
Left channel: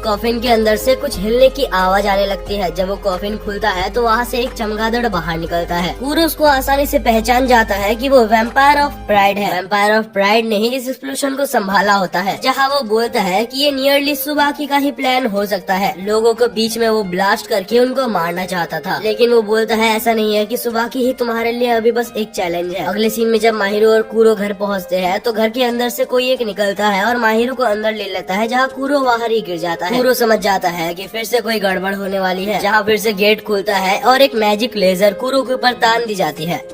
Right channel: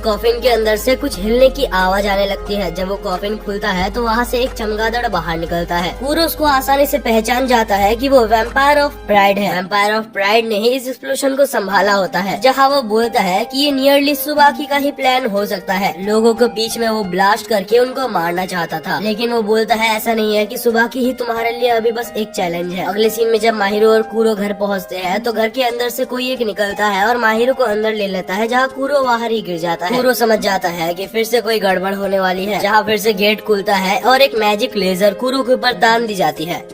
कॉफिन के अंदर से कुछ हिलने की आवाज आने लगती है। जब वो कॉफिन खुलता है तो वहाँ से एक चमगादड़ बाहर निकलता है। पूरा उसको आसानी से पहचान जाता है कि वो वैम्पायर ऑफ प्राइड है। वैम्पायर ऑफ प्राइड ने ही इस एक्सप्लोजन को संभाला होता है, जहाँ वो बोलता है कि ये नियरली सुबाकी का ही प्लान हो सकता है। लोगों के बीच में वो ब्लास्ट करके उनको मारना चाहता था, लेकिन वो बोलता है ऐसा नहीं है कि सुबाकी ही तुम्हारे लिए अभी बस एक चैलेंज है। अगले सीन में जब माहिरो और कुरो घर पहुंचते हैं तो घर के अंदर से कोई एक निकलता है और माहिरो को अंदर ले लेता है, जहाँ कुरो बाहर ही गिर जाता है। कुरो समझ जाता है कि फिर से कोई गड़बड़ होने वाली है, जहाँ फिर से गेट खुलता है और एक मैजिक लेजर कुरो के ऊपर तान दी जाती है।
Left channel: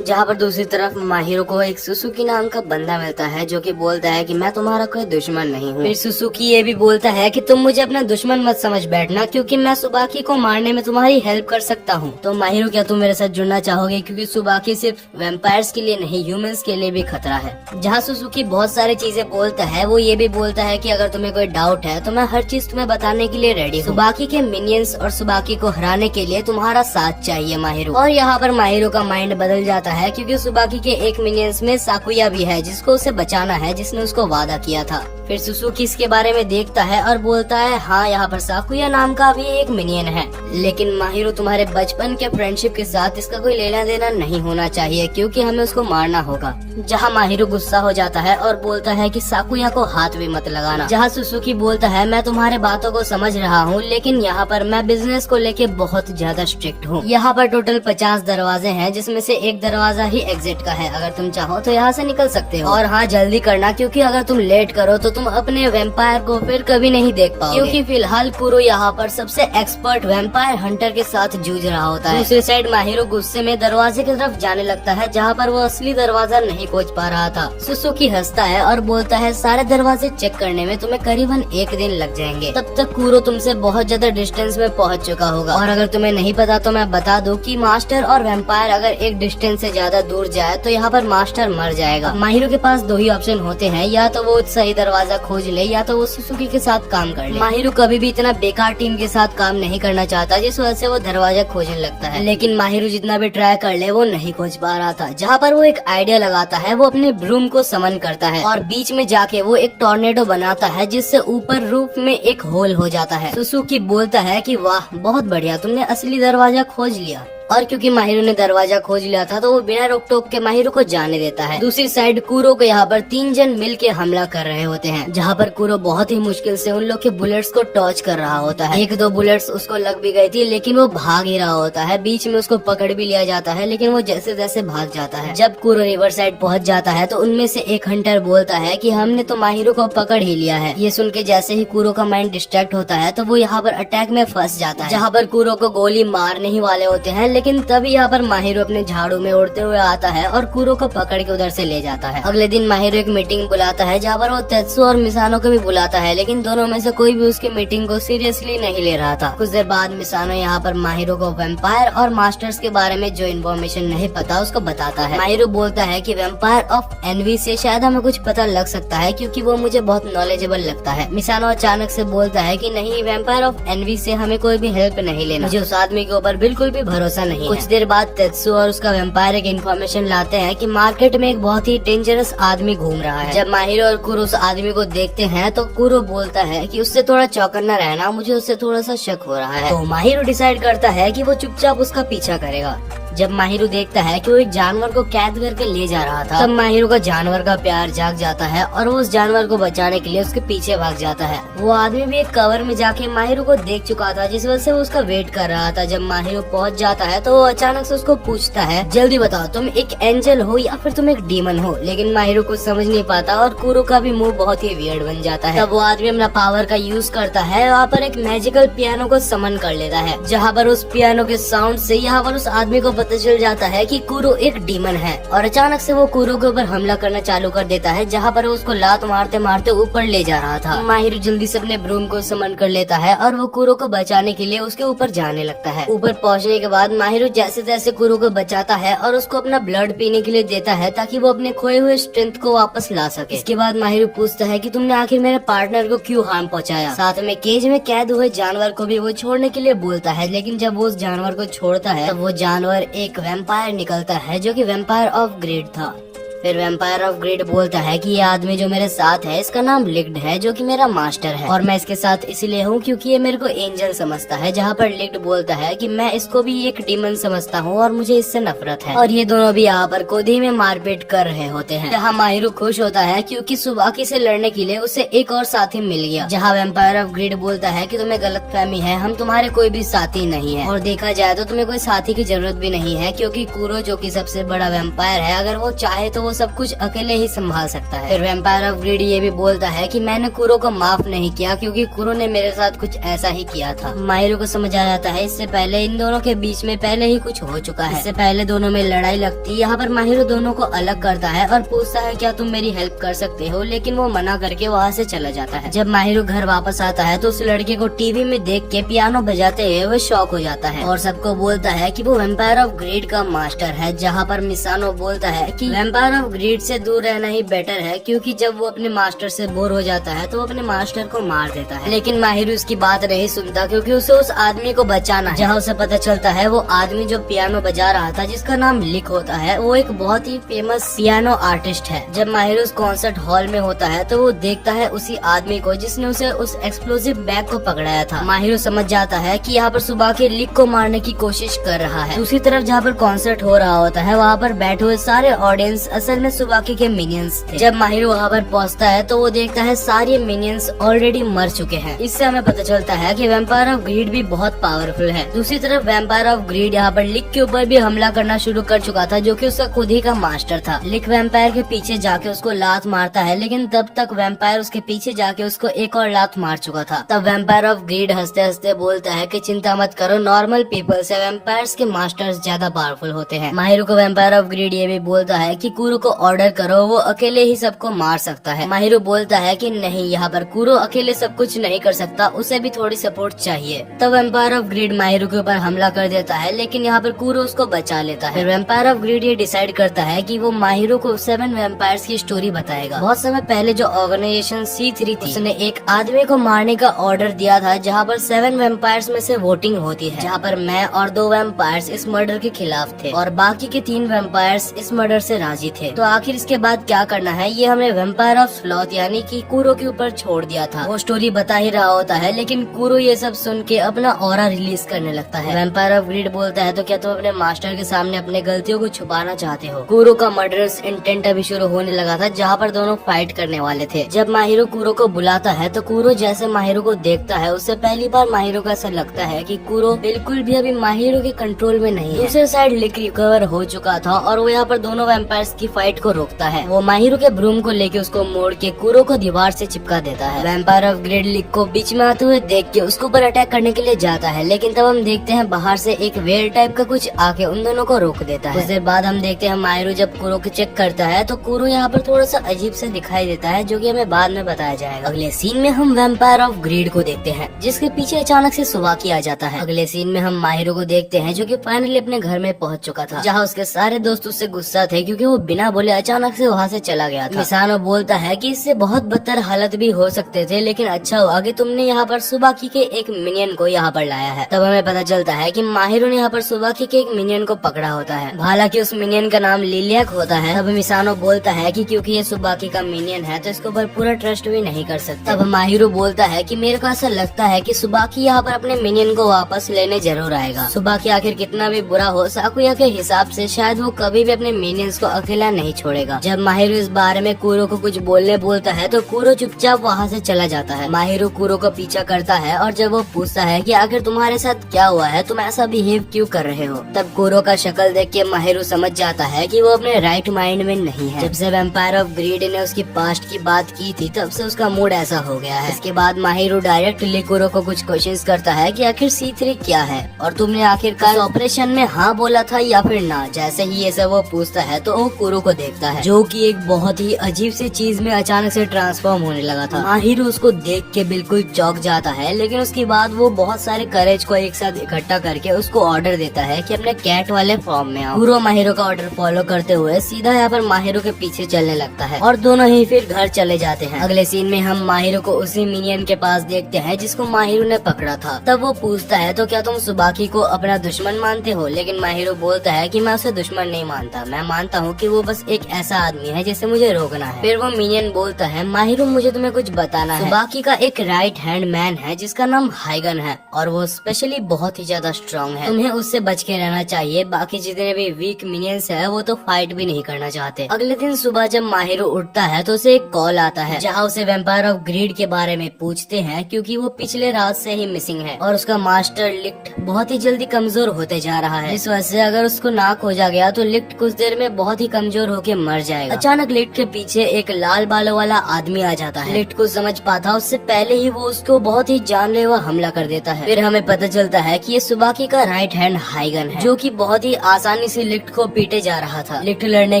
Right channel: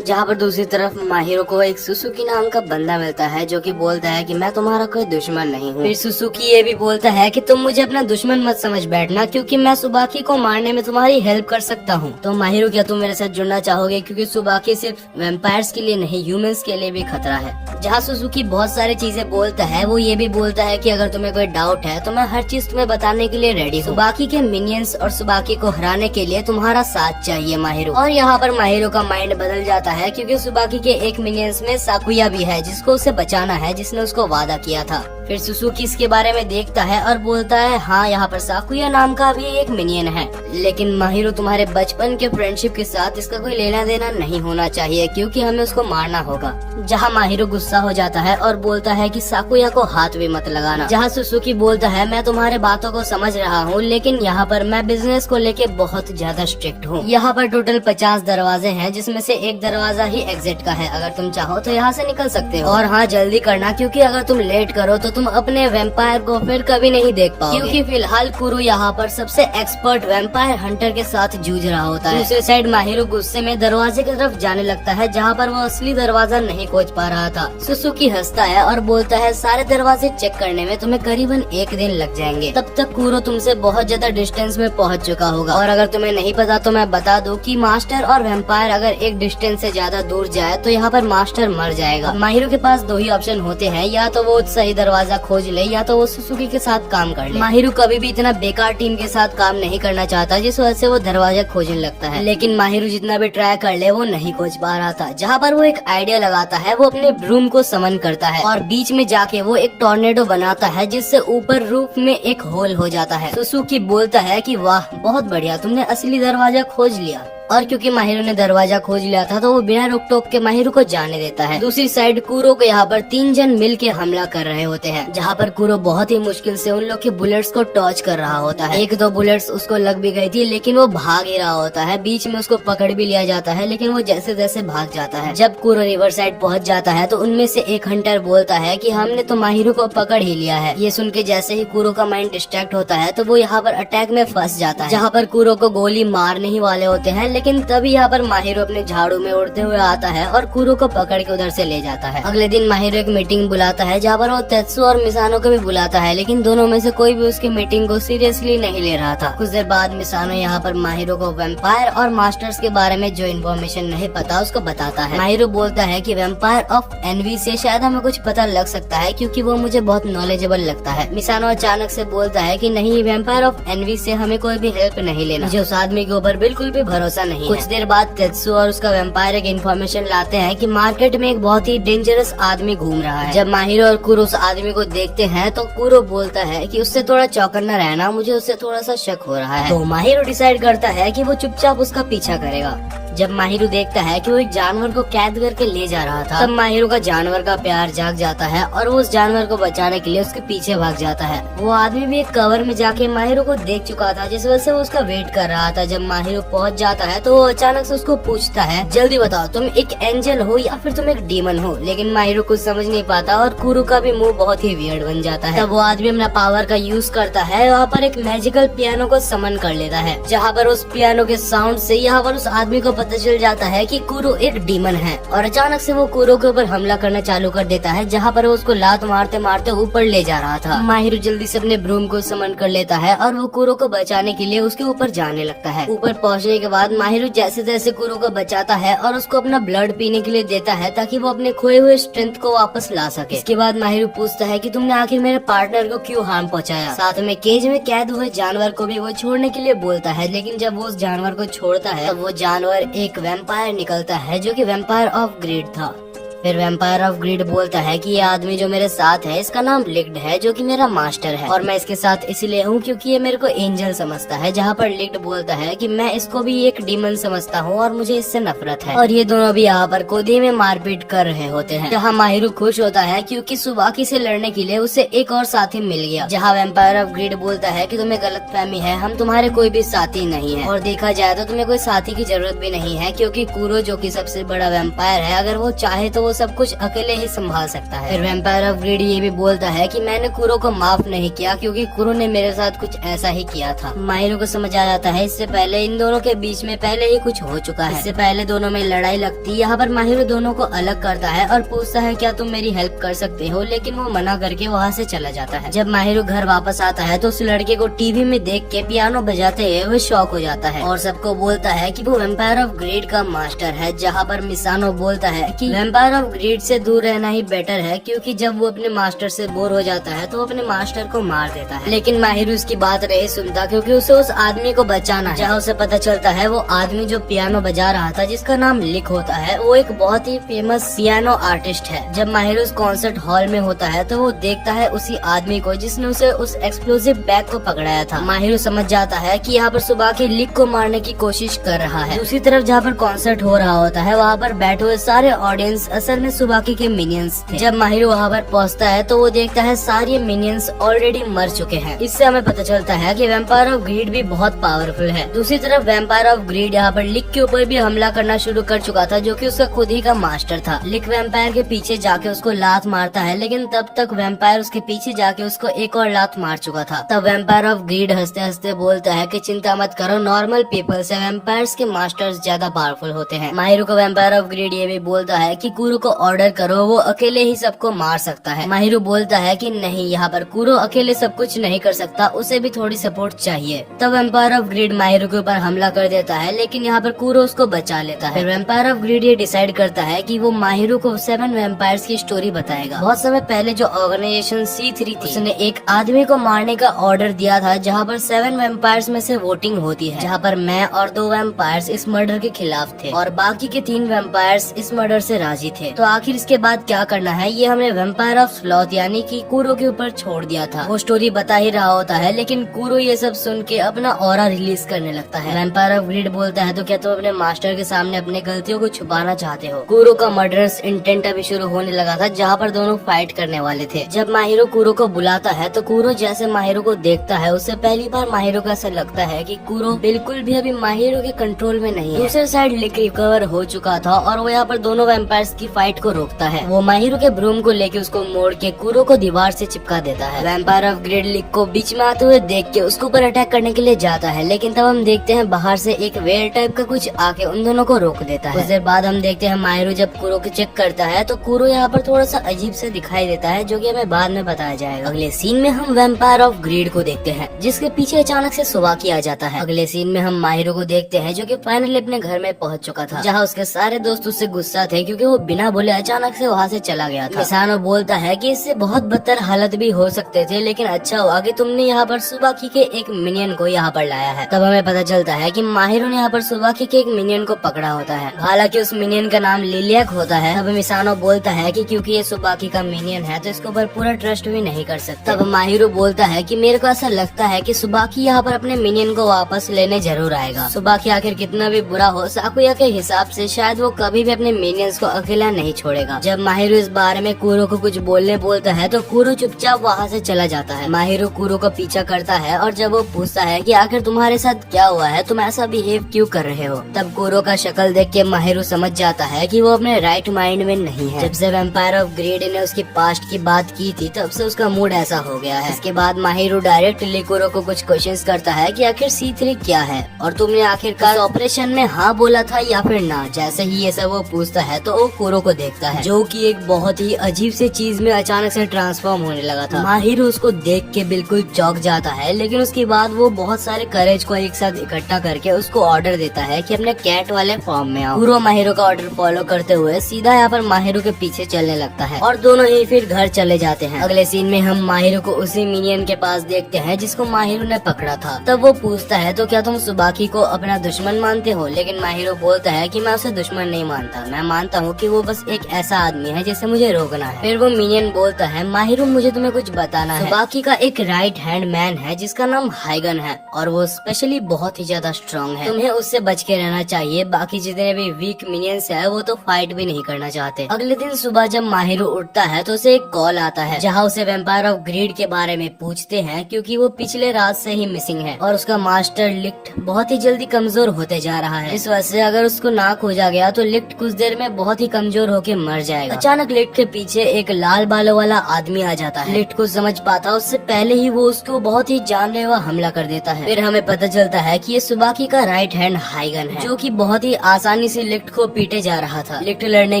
जहाँ पर दूसरी तरफ माहिरो को एक सुसुकी नाम का बंदा मिलता है, जो कि बोलता है कि मैं तुम्हारा कोई दुश्मन नहीं हूँ। फिर सुसुकी ये भी बोलता है कि तुम मुझे अपना दुश्मन मत समझ बैठना, क्योंकि मैं सुबाकी को मारने में तुम्हारी हेल्प कर सकता हूँ। तो माहिरो क्या तुम मेरे साथ जुड़ना चाहोगे, क्योंकि सुबाकी सिर्फ वैम्पायर्स के लिए नहीं ह्यूमंस के लिए भी खतरा है। जहाँ सुसुकी बहुत सारी चीजें बोलता है, वो ये भी बोलता है कि अगर तुम्हें कोई डाउट है तो मैं हर चीज तुम्हें बताने के लिए रेडी हूँ। सुबाकी के मिनियंस और सुबाकी को हराने के लिए तुम्हारा साथ चाहिए माहिरो। और यहाँ पर माहिरो का माइंड बदल जाता है, क्योंकि सुबाकी के एक मिनियंस में साकुया भी है, जिसको उसे बचाना है, जिसने उसको वादा किया था। फिर सुसुकी इसके बारे में देखता है और बोलता है हाँ, यहाँ पर साकुया नाम का भी एक मिनियन है, लेकिन माहिरो तुम्हारे बचपन के फ्रेंडशिप के साथ इसका कोई लेना देना नहीं होना चाहिए, क्योंकि हमें उसको मारना होगा। जहाँ माहिरो गुस्सा हो जाता है और बोलता है कि साकुया को हाथ भी मत लगाना। जहाँ सुसुकी बोलता है मैं तुम्हारे बातों को समझ रहा हूँ, लेकिन यहाँ पर मैं बिजनेस को लेके बहुत ज्यादा स्ट्रिक्ट हूँ। यहाँ पर टोटल 50 दरवाजे हैं, जिसमें से एक दरवाजा ही एग्जिट का है। अगर तुम चाहो तो यहाँ से निकल सकते हो, और हाँ जल्दी करना, क्योंकि अगर तुम लेट करो तो तुम अपने वैम्पायर को फिर कभी नहीं देख पाओगे। क्योंकि फिलहाल कुरो यहाँ पर सबसे एक्सपर्ट वैम्पायर हंटर के साथ जूझ रहा होता है। दूसरी साइड माहिरो गुस्से में दरवाजे की तरफ जाने लगता है, जहाँ पर वो असली दरवाजा नहीं खोज पा रहा था। सुसुकी हंसता है और बोलता है सारे दरवाजे चेक करने में तुम्हें करीबन 1 दिन लग जाएंगे। तब तक कुरो तुमसे बहुत ज्यादा डिस्टेंस में पहुँच चुका होगा। और अगर तुम्हें नहीं पता तो मैं बता दूं कि मास्टर और वैम्पायर अगर एक डिस्टेंस से ज्यादा दूर जाए तो यहाँ पर मास्टर मर जाएगा। माहिरो के पास 2 ही ऑप्शन होते हैं, या तो वो सही दरवाजा खोज ले या तो वो सुसुकी के साथ काम कर ले। माहिरो कभी भी इतना बेकार टीम के साथ काम नहीं करना चाहता, जिस वजह से वो दरवाजा खोजने लगता है। लेकिन माहिरो जितना भी ट्राई कर ले वो नहीं खोज पा रहा था। जहाँ पर वो एक आइडिया लगाता है, वो अपने ब्रूम को समन करता है और बीच में जाके वो एक टॉर्नेडो बनाता है, जिससे ऊपर रूफ में एक होल हो जाता है। सुसुकी बोलता है कि वाह बहुत बढ़िया, तुमने असली दरवाजा खोज लिया। और क्योंकि माहिरो ने दरवाजा खोज लिया था तो वो बिना रोक टोक के माहिरो को जाने देता है। दूसरी साइड कुरो को यहाँ पर 3 जन मिल के हमला कर रहे होते हैं, जहाँ पर कुरो बहुत ही मुश्किल से उन लोग के बुलेट्स को टॉर्च कर रहा होता है। 1-2 बुलेट्स उसको लग भी गई थी, लेकिन वो भाग ही रहा होता है। बीच में उसको पकड़ भी लिया जाता है, लेकिन वो जैसे तैसे भाग जाता है। जब कुरो रिवर साइड पहुँच जाता है तो उनमें से एक हंटर बोलता है कि हमने तो माहिरो को पकड़ ही लिया है। ये सुन के जैसे ही कुरो का माइंड डिस्ट्रैक्ट होता है तो वो यहाँ पर अटैक में फंस जाता है, जहाँ पर कुरो को गोली मारने ही वाले होते हैं, लेकिन तभी यहाँ पर माहिरो अपने झाड़ू में उड़ते हुए आता है और कुरो को पकड़ के उधर से ले जाता है। अगले दिन माहिरो एक मीटिंग बुलाता है, जहाँ पर वो तेत्सु और मिसानो को भी बुलाता है, लेकिन दोनों में से कोई भी उसकी मीटिंग को सीरियसली नहीं ले रहा था। कुछ देर बाद मिसानो यहाँ पर माहिरो को वैम्पायर और मास्टर्स के बारे में जो इन्फॉर्मेशन नहीं पता उसको बताता है। माहिरो बोलता है कि वैम्पायर ऑफ एनवी से शायद हमें कुछ पता लग सकता है, क्योंकि वो मुझे बहुत नॉलेजेबल लगता है। मिसानो अचानक से बोलता है कि नहीं, वैम्पायर ऑफ एनवी से हमें कोई भी हेल्प नहीं लेना, मुझे उस आदमी के ऊपर बिल्कुल भी भरोसा नहीं। कुछ देर बाद तेत्सु और उसका वेम्पायर एक इन्फॉर्मेशन लाते हैं कि मार्केट में एक बहुत ही डेंजरस आदमी घूम रहा है। जब माहिरो और कुरो उस आदमी को देखते हैं तो कुरो बोलता है कि उससे थोड़ा चौकन्ना रहना, मुझे उससे थोड़ा सा शक हो रहा है। तो माहिरो डिसाइड करता है कि वो चुपचाप उसका पीछा करेगा। जब माहिरो देखता है कि वो एक जानवर को कैद करके ले जा रहा था, तब माहिरो का जानवर का प्यार जाग जाता है और वो उस जानवर को बचाने के लिए उसके पीछे भाग जाता है। वो आदमी भी एक कवर में जाके माहिरो को देख चुका था, जिस वजह से वो उसका वेट कर रहा था। जब माहिरो पहुंच जाता है तो वो अचानक से उसको पूछता है, जल्दी बताओ तुम एक एंजल हो या फिर तुम एक डीमन हो। लेकिन माहिरो कुछ समझ नहीं पाता और कुरो का भी मुंह बहुत ही वियर्ड बन जाता है। तब वो आदमी अपना पावर का यूज करता है, वहाँ पर एक मैजिकल पियानो को समन कर लेता है, जहाँ पर उस पियानो के साउंड से यहाँ पर उस आदमी को पता चल जाता है कि कुरो एक डीमन है। और अचानक से वो कुरो के ऊपर हमला करना चालू कर देता है, जहाँ पर वो उसको लात मारते मारते ऊपर ले जा रहा था। माहिरो जल्दी से अपने ब्रूम को समन कर लेता है और वो कुरो को बचाने के लिए उसके ऊपर जाने लगता है। ऊपर पहुँचने के बाद माहिरो जैसे तैसे कुरो को बचाता है और उसको अपना ब्लड पीने के लिए देता है, ताकि वो अपने खोए हुए स्ट्रेंथ को वापस ला सके। इसके बाद माहिरो पूछता है कि तुमने आखिर मेरे पार्टनर को क्यों हार्म पहुँचाया। साथ में केज में कैद हुए जानवर को भी वो छोड़ने के लिए बोलता है, लेकिन जब वो उस जानवर को छोड़ता है तब वो जानवर एक वेम्पायर निकलता है, जो कि वेम्पायर ऑफ ग्रेड था। फिर वेम्पायर ऑफ ग्रेड बोलता है कि ये आदमी जो मेरे साथ है इसका नाम लिक्ड है, जो कि मेरा मास्टर है, और मैं इसके साथ इसीलिए हूँ क्योंकि ये मेरे को एंजल समझता है। जहाँ पर लिक्ड बोलता है कि मैं इसको भी एक डीमन समझता हूँ और मुझे इससे नफरत है। और ये दोनों भी यहाँ पर खुद ही में मारपीट कर रहे होते हैं। जहाँ माहिरो खुश होता है क्योंकि सुबाकी से लड़ने के लिए उसे एक और साथी मिल गया। जहाँ वेम्पायर ऑफ ग्रेड बोलता है कि तुम्हें गलतफहमी है, हम तुम्हारे कोई भी साथी नहीं है, और देखा जाए तो तुम्हें कोई साथी की जरूरत भी नहीं है, क्योंकि कुरो जो कि सबसे बड़ा वेम्पायर है, अगर वो चाहे तो वो सब कुछ अकेले ही संभाल सकता है। फिर वेम्पायर ऑफ ग्रेड ये भी बोलता है कि मैंने कुरो को माफ नहीं किया क्योंकि कुरो ने मेरे साथ कुछ ऐसा ही किया था। माहिरो को समझ आ जाता है इससे पहले इन दोनों के बीच में पहले ही कुछ हो चुका है। इससे पहले दोनों में लड़ाई लगती। यहाँ पर माहिरो दोनों को अलग करता है और पूछता है क्या तुम मेरी हेल्प कर सकते हो, लेकिन वो मना करके वहाँ से चला जाता है। जब माहिरो घर वापस आता है तो उस लड़के को टीवी में देख के पियानो बजाते हुए वो शॉक हो जाता है और सबको बोलता है कि वो वेम्पायर ऑफ ग्रेड का मास्टर है। जहाँ पर मिसानो बोलता है कि वेम्पायर ऑफ ग्रेड से दूर रहना ही बेटर है, क्योंकि जब वो अपने मास्टर से बोर हो जाता है तो वो अपने मास्टर को मार देता है। लेकिन माहिरो उसकी बात नहीं सुनता क्योंकि उसे उस आदमी को बचाना है। जहाँ उसे पता चलता है वो आदमी जो पियानो बजा रहा था, जिसका नाम लिक होता है, वो एक बहुत ही फेमस पियानो आर्टिस्ट है। जब माहिरो उस कॉन्सर्ट हॉल में होता है तो वो देखता है उसी आदमी को जिसने उसे उस एक्सप्लोसिव बैग को पकड़ाया था। माहिरो समझ जाता है कि यहाँ पर सुबह के लिक को मारने की कोशिश कर रहा है। दूसरी तरफ जहाँ पर कॉन्सर्ट हो रहा होता है, वहाँ पर बैठे हुए सारे ऑडियंस असल में सुबाकी के मिनियंस थे। जब माहिरो वहाँ पर पहुँचता है तो वो देखता है सारे मिनियंस ऑलरेडी मर चुके हैं। इससे हमें पता चलता है कि वेम्पायर ऑफ ग्रीड भी बहुत पावरफुल है। दूसरी तरफ वेम्पायर ऑफ ग्रीड यहाँ पर लिक के ऊपर भी हमला करना शुरू कर चुका था, जो कि उसका खुद ही का मास्टर था। लिक वेम्पायर के पीछे जाके उसको लात मारता है, लेकिन तब तक वेम्पायर उसके पीछे जाके उसको एक और लात मार चुका था। तब वेम्पायर ऑफ ग्रीड हंसते हंसते बोलता है कि चिंता मत करो, नॉर्मल पीपल से वेम्पायर्स के मास्टर्स ज्यादा पावरफुल होते हैं। माहिरो को वेम्पायर ऑफ ग्रीड ये भी बोलता है कि कुरो को ऑर्डर करो, वो अकेले ही सबको मार सकता है। माहिरो बोलता है कि नहीं, यहाँ पर कुरो अकेले सब कुछ नहीं कर सकता, उसे भी थोड़ी सपोर्ट चाहिए। तब वेम्पायर ऑफ ग्रीड माहिरो के ऊपर हमला कर देता है, लेकिन यहाँ पर कुरो उसको बचा लेता है। वेम्पायर ऑफ ग्रीड ये डिसाइड करता है कि वो माहिरो को 7 वेम्पायर्स की स्टोरी बताएगा। बहुत समय पहले जो ऑर्गेनाइजेशन C3 थी, उसने एक आदमी को मारने का ऑर्डर दिया था, जहाँ पर 7 वेम्पायर्स में से वोटिंग होती है, जहाँ पर मैं और 2 वेम्पायर्स इस मर्डर के खिलाफ थे और बाकी के 3 वेम्पायर्स इस मर्डर से राजी थे। तो आखिर इसके बाद क्या करना है, ये हमें वेम्पायर ऑफ स्लॉथ यानी कि कुरो के ऊपर छोड़ दिया था। वो स्टोरी बता ही रहा होता है, लेकिन कुरो ये सब सुन के अपना ऑरा रिलीज करने लगता है। वेम्पायर ऑफ ग्रीड बोलता है तो क्या तुम अपने मास्टर के सामने अपने गलतियों को छुपाना चाहते हो। कुरो का मर्डरस इंटेंट अभी शुरू होने लगा था, जहाँ पर दोनों फाइट करने वाले थे। जब माहिरो कुरो को बुलाता है तो कुरो जैसे माहिरो को देखता है, उससे पहली बार माहिरो को ऐसा लगता है कि कुरो बिल्कुल भी अभी माहिरो के कंट्रोल में नहीं है। दूसरे साइड लिक रिकवर हो चुका था और वो यहाँ पर दोनों वेम्पायर्स की फाइट को रोकता है। वो माहिरो के ब्रूम को लेके उसको मोड़ के कुरो को दीवार से चिपका देता है। वेम्पायर ऑफ ग्रेड लिक को बीच में आते हुए देख के उसके ऊपर अटैक करने के लिए जाता है, लेकिन तब हम देखते हैं बाहर से एक वेल टाइप का कुछ आके उन दोनों को रोक देता है। कुछ देर बाद हम देखते हैं माहिरो जब कुरो को चेक करता है तो कुरो यहाँ पर थोड़ा सा अजीब सा दिखाई देता है, जो कि हमें बाद में बताया जाएगा। अगले सीन में हम वेम्पायर ऑफ ग्रेड को देखते हैं, जिसके पीछे अचानक से सुबाकी आ जाता है। अगले सीन में हम माहिरो को देखते हैं, जो कि फाइनली अपने घर में पहुंच चुका था, जहाँ उसके सारे दोस्त उससे गुस्सा थे क्योंकि वो बिना बिना बोले अचानक से वहाँ से चला गया था। मिसानो बोलता है कि इससे बहुत बदतर हालत भी हो सकते थे, लेकिन अच्छा हुआ कि तुमने यहाँ पर सुबाकी के एक मिनियन को यहाँ पर लाया है। तब हमें पता चलता है कि माहिरो ने यहाँ पर सुबाकी के एक मिनियन को पकड़ा होता है। हालांकि उस मिनियन का नाम लिलियक होता है। तब मिसानो बोलता है कि क्योंकि ये सुबाकी का मिनियन है तो इसके ऊपर पूरा ट्रस्ट भी नहीं कर सकता। तब माहिरो बोलता है कि मेरे को ऐसा लगता है कि सुबाकी यहाँ पर अपने मिनियन को वापस लेने जरूर आएगा। सुबाकी आखिर कितना भी बुरा हो, साकुया के हिसाब से शायद वो कभी भी अपने मिनियंस को अकेला नहीं छोड़ेगा। जब माहिरो इस बारे में कुरो को कुछ बोलने बोलता है तो कुरो चुपचाप वहाँ से चला जाता है। माहिरो कुरो को पीछा करता है और जब वो पूछता है कि आखिर तुम्हारे साथ क्या हुआ है, तुम ऐसा बिहेव क्यों कर रहे हो, तब कुरो का शक्ल देख के माहिरो समझ जाता है कि वो अपने राइट माइंड में नहीं है। जब से वैम्पायर ऑफ ग्रेड ने उसके पास्ट की बात की थी तब से उसका मूड ऐसा हो गया है। इसके बाद माहिरो डायरेक्टली कुरो को कुछ क्वेश्चंस करता है कि आखिर C3 क्या है और तुमने आखिरकार ऑपरेशन में हाँ बोला था या फिर ना। जैसे ही ये सब वो पूछता है तो वो कुरो को देखता है जो कि एक बहुत ही अजीब से चीज में अचानक से ट्रांसफॉर्म होने लगा था। माहिरो उसको देख के बिल्कुल चौंक जाता है, लेकिन उसके बाद वो बहुत सारे करेज को एक साथ इकट्ठा करके उसको ऑर्डर देता है कि अपने कैट वाले फॉर्म में आओ। कुरो माहिरो का ऑर्डर फॉलो करते हुए सीधा यहाँ पर माहिरो के पीछे चलने लगता है और दोनों ही फिर घर चले जाते हैं। अगले सीन में हम माहिरो को उसी मिनियन के पास देखते हैं जिसको माहिरो ने पकड़ा था। तब वो पूछता है तो क्या तुम सुबाकी को अपना दुश्मन मानते हो, लेकिन माहिरो बोलता है कि मैं उसे दुश्मन नहीं मानता, मैं मानता हूँ कि वो बस एक ऐसा आदमी है जिसे मुझे रोकना है। फिर वो मिनियन बोलता है माहिरो मुझे तुम्हें कुछ बताना है। सुबाकी का एक राइट हैंड मैन है जिसका नाम हाइगन है और वो स्पेशली बहुत ही ज्यादा स्ट्रॉन्ग है, तुम्हें उससे बच के रहना चाहिए। बाकी जितने भी वीक मिनियंस है वो तो फाइट भी नहीं करना चाहते। अगले दिन सुबह जब माहिरो उठता है तो उसे एक कॉल आता है जहाँ उसे वैम्पायर ऑफ ग्रेड के बारे में पूछते हैं क्योंकि वो पिछले रात से ही मिसिंग है और उसका मास्टर लिक्ट बहुत ही जल्दी कमजोर होते जा रहा है। इस वजह से अगर उसको नाक हो जा गया तो लिक्ट कुछ देर में बहुत ही कमजोर होके मर जाएगा। अचानक लिक्ट के पीछे एक लाल बालों वाला आदमी आ जाता है। लिक्ट को समझ पाता उससे पहले ही वो उसको बहुत ही जानलेवा हमला कर देता है। फिर हमें पता चलता है कि ये सुबाकी का राइट हैंड हाइगन है जो कि बहुत ही आसानी से लिक्ट को पीटे जा रहा था। लिक्ट लड़ने